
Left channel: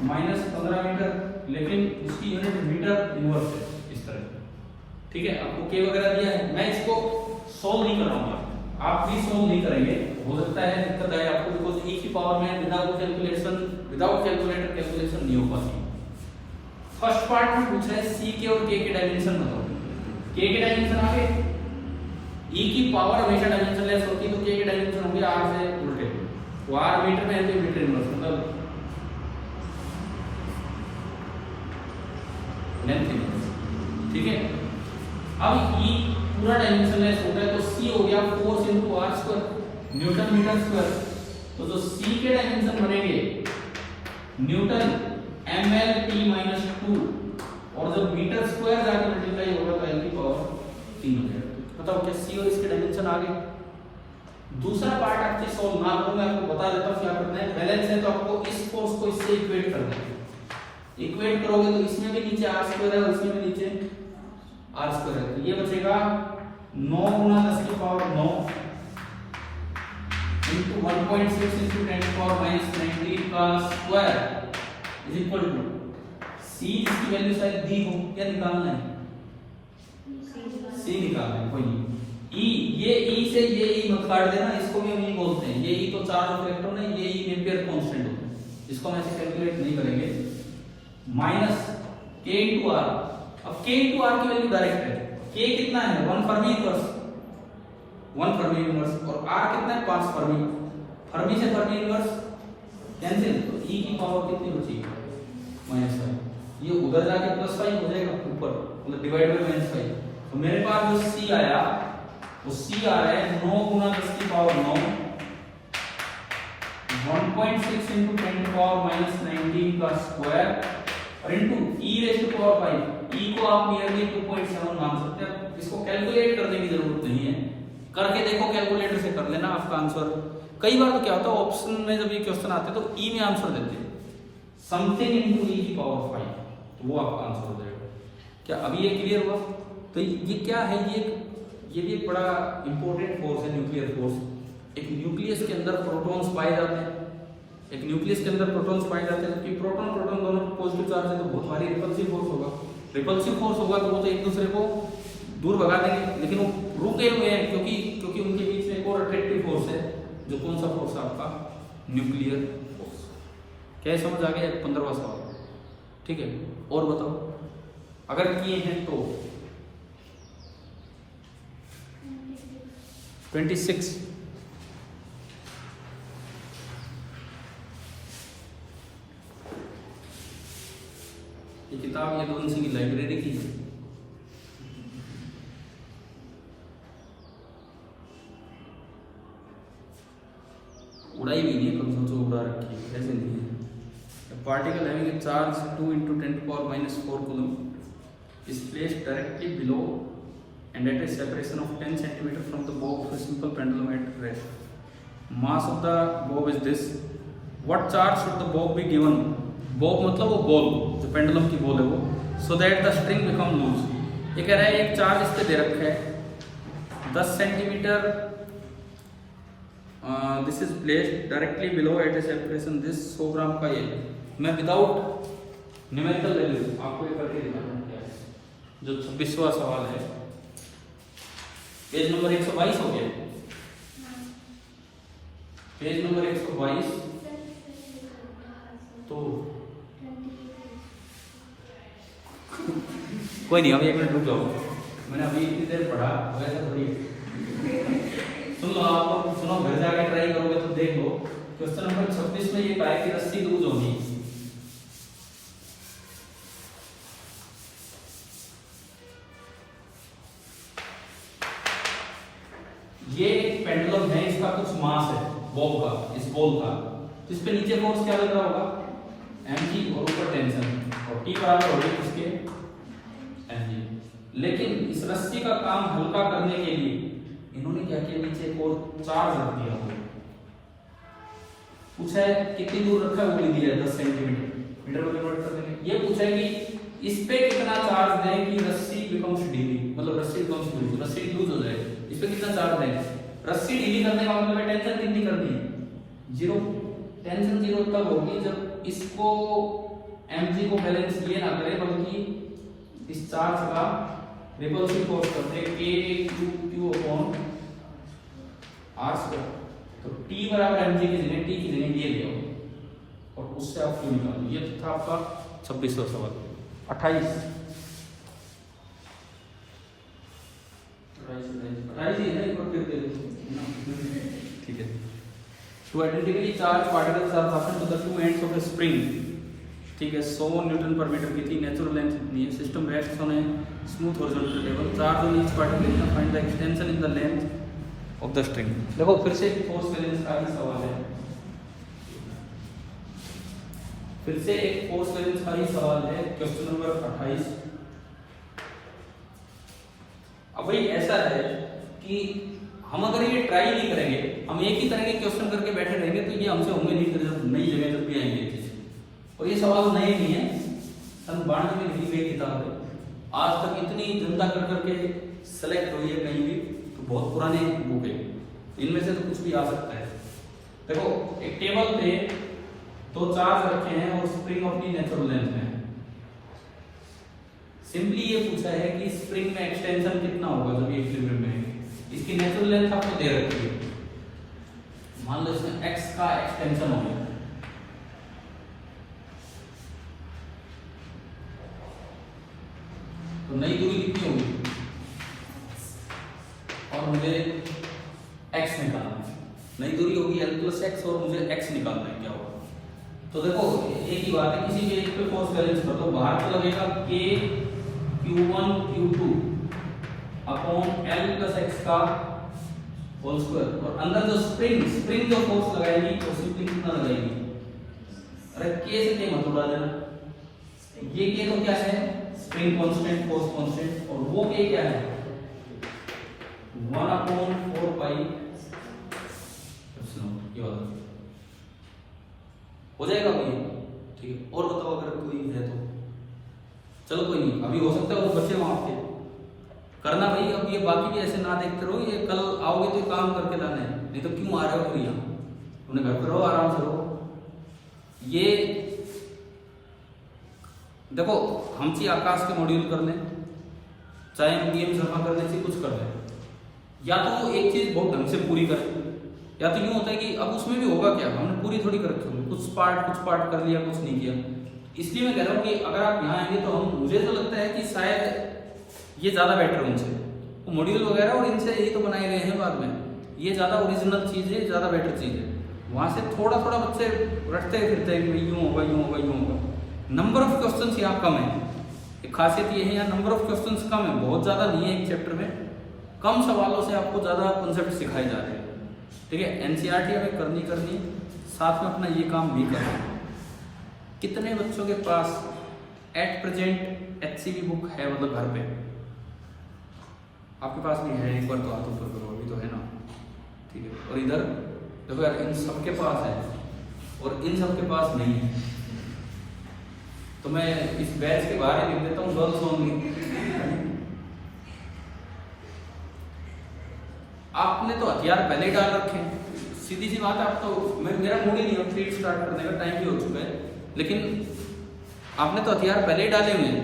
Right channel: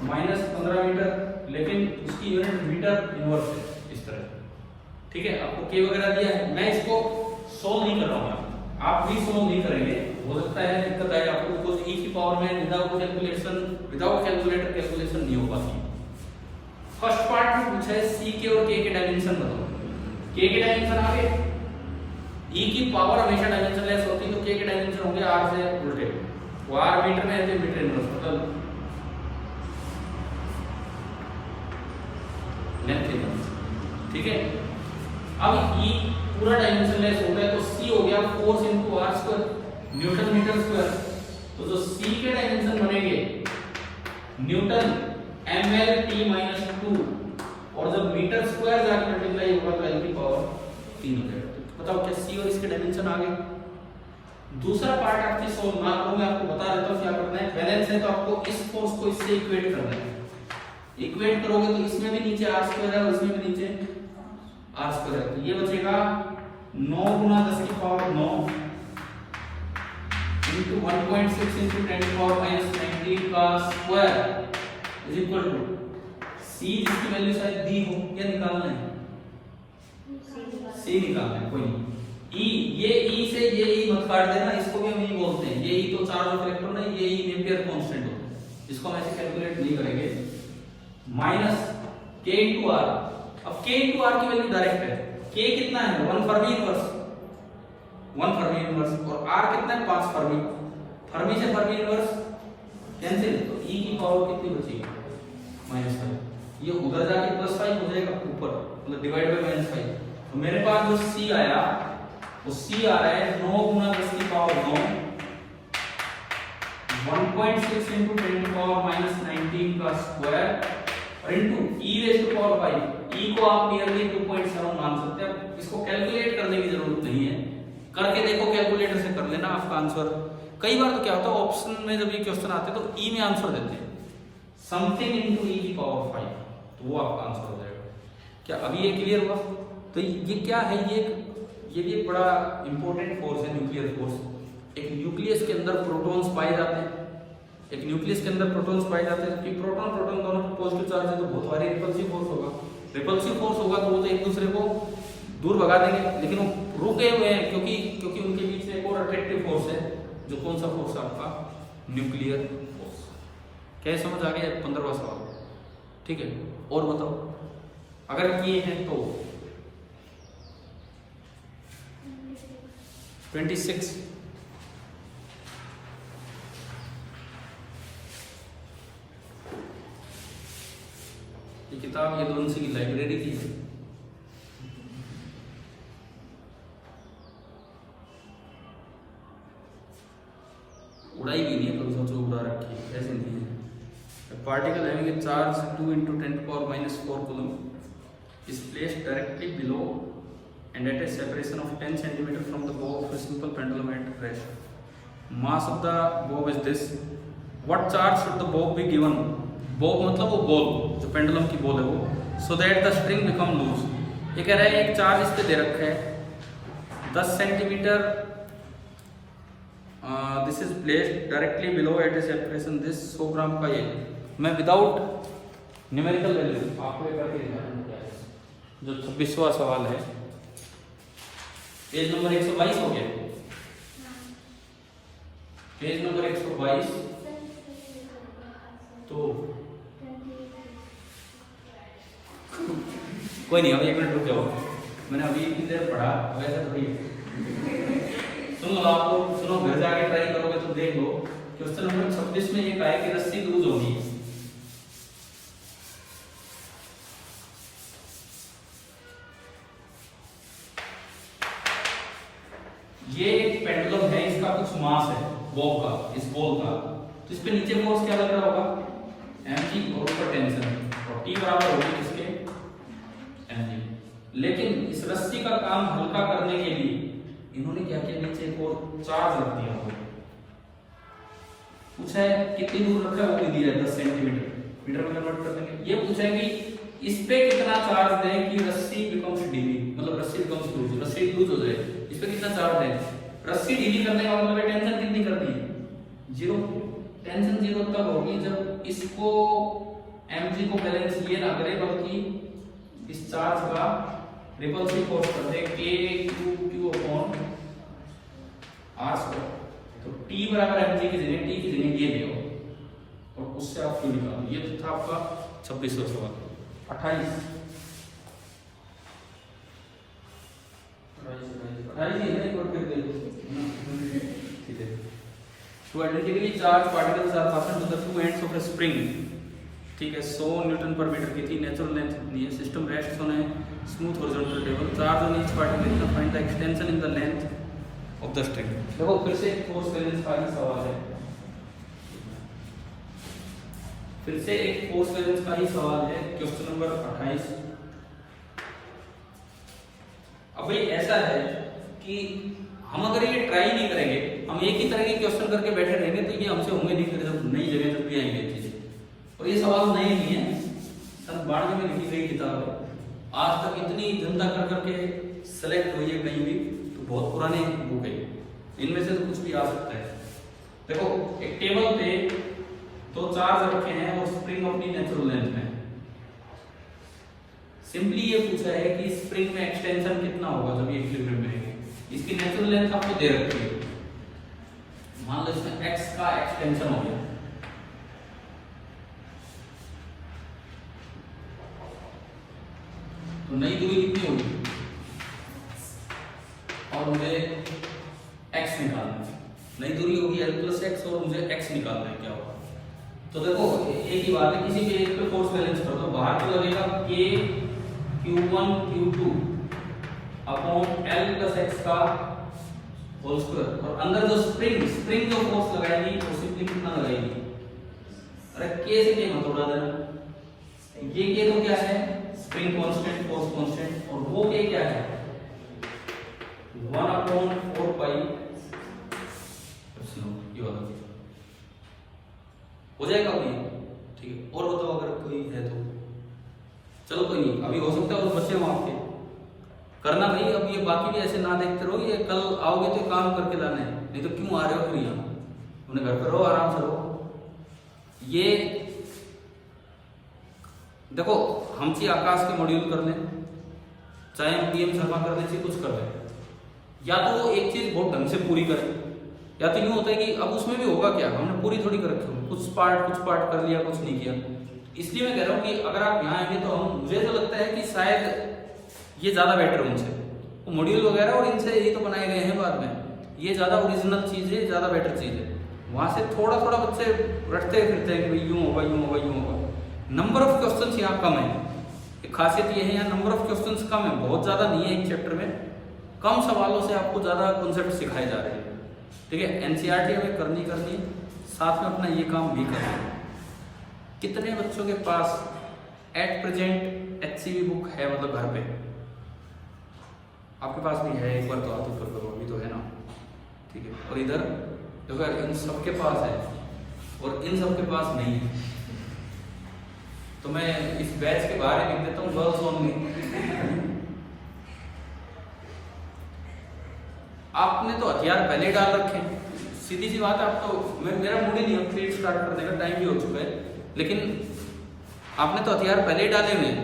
-15 मीटर, लेकिन इसकी यूनिट मीटर इनवर्स है इस तरह। ठीक है, आपको के वगैरह दिया है, मैं इसको सोल्व नहीं करूंगा, आप भी सोल्व नहीं करेंगे। हो सकता है दिक्कत आए आपको, बिकॉज़ ई की पावर में विदाउट कैलकुलेटर कैलकुलेशन नहीं हो पाती। फर्स्ट पार्ट में पूछा है सी के और के डायमेंशन बताओ। के के डायमेंशन आ गए, ई की पावर हमेशा डायमेंशन लेस होती है तो के डायमेंशन होंगे आर से उल्टे। वो आर मीटर में है तो मीटर इनवर्स मतलब लेंथ इनवर्स। ठीक है, अब ई पूरा डायमेंशन लेस होता है तो सी हो गया force into R square newton metre square. तो जो सी के डायमेंशन बनेंगे न्यूटन ml/t-2 और जब मीटर स्क्वायर जाके मल्टीप्लाई होगा तो L की पावर 3 हो जाएगा। तो बताओ क्या सी और इसके डायमेंशन आ गए। दूसरा पार्ट आपकी सॉल्व ना करो, मैं आपको बता देता हूं क्या करना है। बैलेंस है तो आपको इस फोर्स को इससे इक्वेट करना है। इक्वेट करोगे तो इसमें भी नीचे r स्क्वायर है और इसमें भी नीचे r स्क्वायर है, तो ये बचेगा 9 गुना 10 की पावर 9 into 1.6 into 10 की पावर -19 का square is equal to c जिसकी वैल्यू शायद दी हो, क्या निकालना है c निकालना है, कोई नहीं। e ये e से ये e मत काट देना, इसको भी हम e बोलते हैं। ये e तो चार्ज ऑफ इलेक्ट्रॉन है, ये e नेपियर कांस्टेंट होता है, इसको हम ऐसे कैलकुलेट नहीं करेंगे। माइनस k into r, अब k into r की वैल्यू डायरेक्ट है, k कितना है 1 फर्मी इनवर्स 1 फर्मी इनवर्स और r कितना है 5 फर्मी। फर्मी से फर्मी इनवर्स कैंसिल, तो e की पावर कितनी बचेगी -5। ये उधर जाके +5 हो जाएगा ऊपर, मतलब डिवाइड बाय -5। तो मेरे पास जो c आया वो c आ रहा है 9 गुना 10 की पावर 9 1.6 into 10 की पावर -19 का स्क्वायर और into e raise to power 5। e को आप नियरली 2.7 मान सकते हैं। इसको कैलकुलेट करने की जरूरत नहीं है, करके देखो कैलकुलेटर से कर लेना, आपका आंसर। कई बार तो क्या होता है ऑप्शन में जब ये क्वेश्चन आते हैं तो ई में आंसर देते हैं समथिंग इनटू ई की पावर 5, तो वो आपका आंसर हो जाएगा। क्या अभी ये क्लियर हुआ? तो ये क्या है, ये भी एक बड़ा इंपॉर्टेंट फोर्स है, न्यूक्लियर फोर्स। एक न्यूक्लियस के अंदर प्रोटॉन्स पाए जाते हैं, एक न्यूक्लियस के अंदर प्रोटॉन्स पाए जाते हैं, जबकि प्रोटॉन प्रोटॉन दोनों पॉजिटिव चार्ज है तो बहुत भारी रिपल्सिव फोर्स होगा। रिपल्सिव फोर्स होगा तो वो तो एक दूसरे को दूर भगा देंगे, लेकिन वो रुके हुए हैं क्योंकि उनके बीच में एक और अट्रैक्टिव फोर्स है, जो कौन सा फोर्स है आपका न्यूक्लियर फोर्स। क्या समझ आ गया? 15वां सवाल। ठीक है, और बताओ अगर किए हैं तो 26 ये किताब ये दोनों की लाइब्रेरी की है। उड़ाई भी नहीं है, कभी सोचो उड़ा रखी है, ऐसे नहीं है। Particle having a charge 2 into 10 to power -4 coulomb is placed directly below and at a separation of 10 cm from the bob of a simple pendulum at rest. Mass of the bob is this. What charge should the bob be given? Bob मतलब वो बॉल, जो पेंडुलम की बॉल है वो, so that the string become loose. ये कह रहा है एक चार्ज इस पे दे रखा है 10 centimetre, this is placed directly below at a separation this 100 gram का। ये मैं विदाउट न्यूमेरिकल वैल्यू आपको एक करके दिखाता हूं। जो 26वां सवाल है, पेज नंबर 122 हो गया, पेज नंबर 122। तो कोई नहीं, अभी 1 मिनट रुक जाओ, मैंने अभी इतनी देर पढ़ा, वैसे थोड़ी सुन लो, आपको सुनो, घर जाके ट्राई करोगे तो देख लो। क्वेश्चन नंबर 26 में ये कहा है कि रस्सी लूज होगी। ये एक पेंडुलम है, इसका कुछ मास है बॉब का, इस बॉल का, तो इस पे नीचे फोर्स क्या लग रहा होगा mg और ऊपर टेंशन और T बराबर होगी किसके mg। लेकिन इस रस्सी का काम हल्का करने के लिए इन्होंने क्या किया, नीचे को चार्ज रख दिया होगा। पूछा है कितनी दूर रखा है वो भी दिया है 10 सेंटीमीटर, मीटर में कन्वर्ट कर देंगे। ये पूछा है कि इस पे कितना चार्ज दें कि रस्सी बिकम्स ढीली, मतलब रस्सी बिकम्स लूज, रस्सी लूज हो जाए, इस पे कितना चार्ज दें। रस्सी ढीली करने का मतलब है टेंशन कितनी करनी है, 0। टेंशन 0 तब होगी जब इसको mg को बैलेंस ये ना करे बल्कि इस चार्ज का रिपल्सिव फोर्स करते हैं k/q/r²। तो T बराबर mg की जगह T की जगह ये ले और उससे आप क्यों निकालो। ये था आपका 26वां सवाल। 28 ठीक है। To identically charge particles are fastened to the two ends of a spring, ठीक है, 100 न्यूटन पर मीटर की थी, नेचुरल लेंथ इतनी है, system rests on a smooth horizontal table, charge on each particle इतना, find the extension in the length of the string. देखो फिर से फोर्स बैलेंस का ही सवाल है, फिर से एक फोर्स बैलेंस का ही सवाल है, क्वेश्चन नंबर 28। अब भाई ऐसा है कि हम अगर ये ट्राई नहीं करेंगे, हम एक ही तरह के क्वेश्चन करके बैठे रहेंगे तो ये हमसे होंगे नहीं, फिर जब नई जगह जब भी आएंगे। और ये सवाल नए नहीं है, सन 92 में लिखी गई किताब है, आज तक इतनी धंधा कर करके सेलेक्ट हुई है कहीं भी, तो बहुत पुराने बुक है, इनमें से तो कुछ भी आ सकता है। देखो एक टेबल पे तो चार्ज रखे हैं और स्प्रिंग अपनी नेचुरल लेंथ में। सिंपली ये पूछा है कि स्प्रिंग में एक्सटेंशन कितना होगा जब ये इक्विलिब्रियम में है, इसकी नेचुरल लेंथ आपको दे रखी है, मान लो इसमें x का एक्सटेंशन हो गया, तो नई दूरी कितनी होगी और मुझे x निकालना है, नई दूरी होगी l+x और मुझे x निकालना है, क्या होगा। तो देखो एक ही बात है, किसी भी एक पे फोर्स बैलेंस कर दो, बाहर तो लगेगा k q1 q2 upon l+x का होल स्क्वायर, और अंदर जो स्प्रिंग जो फोर्स लगाएगी वो सिंपली कितना लगाएगी, अरे k से k मत उड़ा देना, ये k तो क्या है स्प्रिंग कांस्टेंट, फोर्स कांस्टेंट, और वो k क्या है 1/4 ये वाला हो जाएगा ये, ठीक है। और बताओ अगर कोई है तो, चलो कोई नहीं, अभी हो सकता है और बच्चे हो आपके, करना भाई। अब ये बाकी भी ऐसे ना देखते रहो, ये कल आओगे तो काम करके लाना है, नहीं तो क्यों आ रहे हो फिर यहाँ, अपने घर पे रहो, आराम से रहो। ये देखो हम चाहिए आकाश के मॉड्यूल कर लें, चाहे हम पीएम जमा कर दें, कुछ कर लें, या तो एक चीज बहुत ढंग से पूरी करें, या तो यूं होता है कि अब उसमें भी होगा क्या, हमने पूरी थोड़ी कर रखी होगी, कुछ पार्ट कर लिया, कुछ नहीं किया। इसलिए मैं कह रहा हूँ कि अगर आप यहाँ आएंगे तो हम, मुझे तो लगता है कि शायद ये ज्यादा बेटर है उनसे, वो मॉड्यूल वगैरह और इनसे ये तो बनाए गए हैं बाद में, ये ज्यादा ओरिजिनल चीज है, ज्यादा बेटर चीज है। वहां से थोड़ा थोड़ा बच्चे रटते फिरते हैं कि भाई यूं होगा यूं होगा यूं होगा। नंबर ऑफ क्वेश्चंस यहाँ कम है, एक खासियत ये है यहाँ नंबर ऑफ क्वेश्चंस कम है, बहुत ज्यादा नहीं है एक चैप्टर में, कम सवालों से आपको ज्यादा कॉन्सेप्ट सिखाए जा रहे हैं, ठीक है। एनसीईआरटी हमें करनी है, साथ में अपना ये काम भी करना है। कितने बच्चों के पास एट प्रेजेंट HCV बुक है, मतलब घर पे आपके पास भी है, एक बार तो हाथ ऊपर करो, अभी तो है ना, ठीक है। और इधर देखो यार, इन सबके पास है और इन सबके पास नहीं है, तो मैं इस बैच के बाहर ही लिख देता हूँ गर्ल्स ओनली। आपने तो हथियार पहले ही डाल रखे हैं, सीधी सी बात है। आप तो मेरा मूड ही नहीं है फिर स्टार्ट करने का, टाइम भी हो चुका है, लेकिन आपने तो हथियार पहले ही डाले हुए हैं,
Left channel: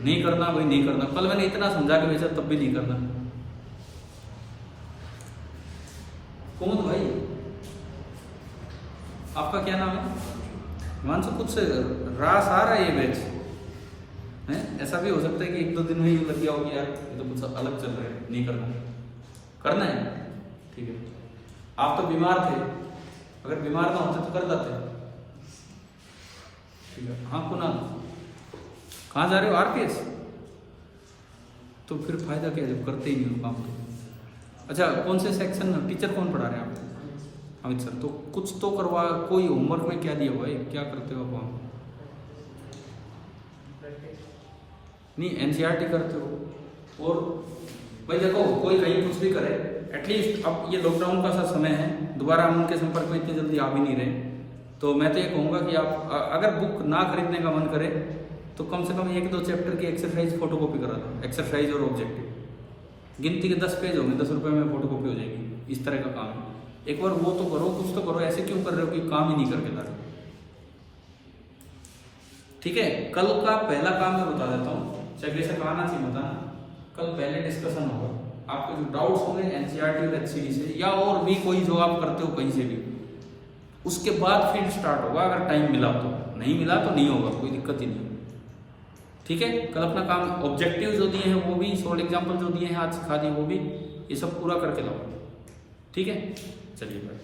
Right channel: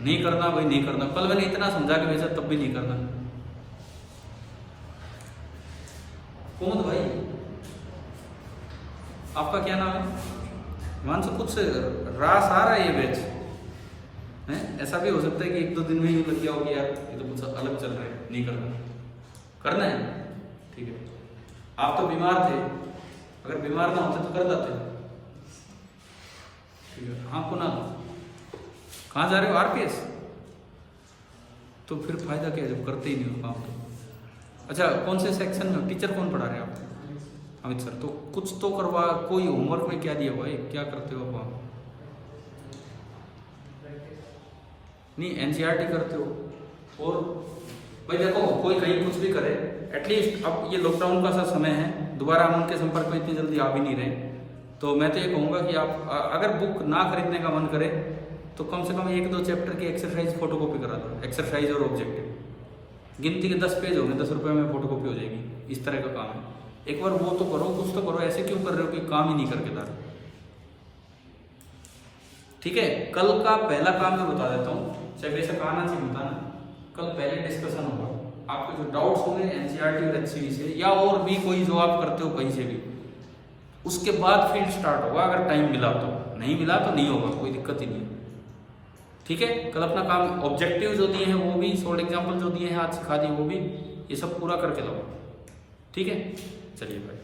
नहीं करना भाई नहीं करना। कल मैंने इतना समझा के भेजा तब भी नहीं करना। कुमुद भाई आपका क्या नाम है? हिमांशु, कुछ रास आ रहा है ये बैच है, ऐसा भी हो सकता है कि 1-2 दिन में ही लग गया हो कि यार ये तो कुछ अलग चल रहा है, नहीं करना है, ठीक है। आप तो बीमार थे, अगर बीमार ना होते तो कर जाते, ठीक है। हाँ कुणाल, कहाँ जा रहे हो? RPS? तो फिर फायदा क्या जब करते ही नहीं हो काम तो। अच्छा, कौन से सेक्शन में टीचर कौन पढ़ा रहे हैं आपको? अमित सर। तो कुछ तो करवा, कोई होमवर्क में क्या दिया हुआ है, क्या करते हो आप वहाँ? नहीं एनसीईआरटी करते हो। और भाई देखो कोई कहीं कुछ भी करे, एटलीस्ट अब ये लॉकडाउन का सा समय है, दोबारा हम उनके संपर्क में इतनी जल्दी आ भी नहीं रहे, तो मैं तो ये कहूँगा कि आप अगर बुक ना खरीदने का मन करे तो कम से कम 1-2 चैप्टर की एक्सरसाइज फोटोकॉपी करा दो, एक्सरसाइज और ऑब्जेक्टिव, गिनती के 10 पेज होंगे, 10 रुपये में फोटोकॉपी हो जाएगी, इस तरह का काम है। एक बार वो तो करो, कुछ तो करो, ऐसे क्यों कर रहे हो कि काम ही नहीं करके ला रहे। ठीक है, कल का पहला काम मैं बता देता हूँ, चाहे बेशक आना चाहिए बताना, कल पहले डिस्कशन होगा, आपके जो डाउट्स होंगे एनसीईआरटी और एचसीडी से या और भी कोई जो आप करते हो कहीं से भी, उसके बाद फील्ड स्टार्ट होगा, अगर टाइम मिला तो, नहीं मिला तो नहीं होगा, कोई दिक्कत ही नहीं। ठीक है, कल अपना काम ऑब्जेक्टिव जो दिए हैं वो भी, सॉल्ड एग्जाम्पल जो दिए हैं आज सिखा दिए वो भी, ये सब पूरा करके लाओ। ठीक है, चलिए भाई।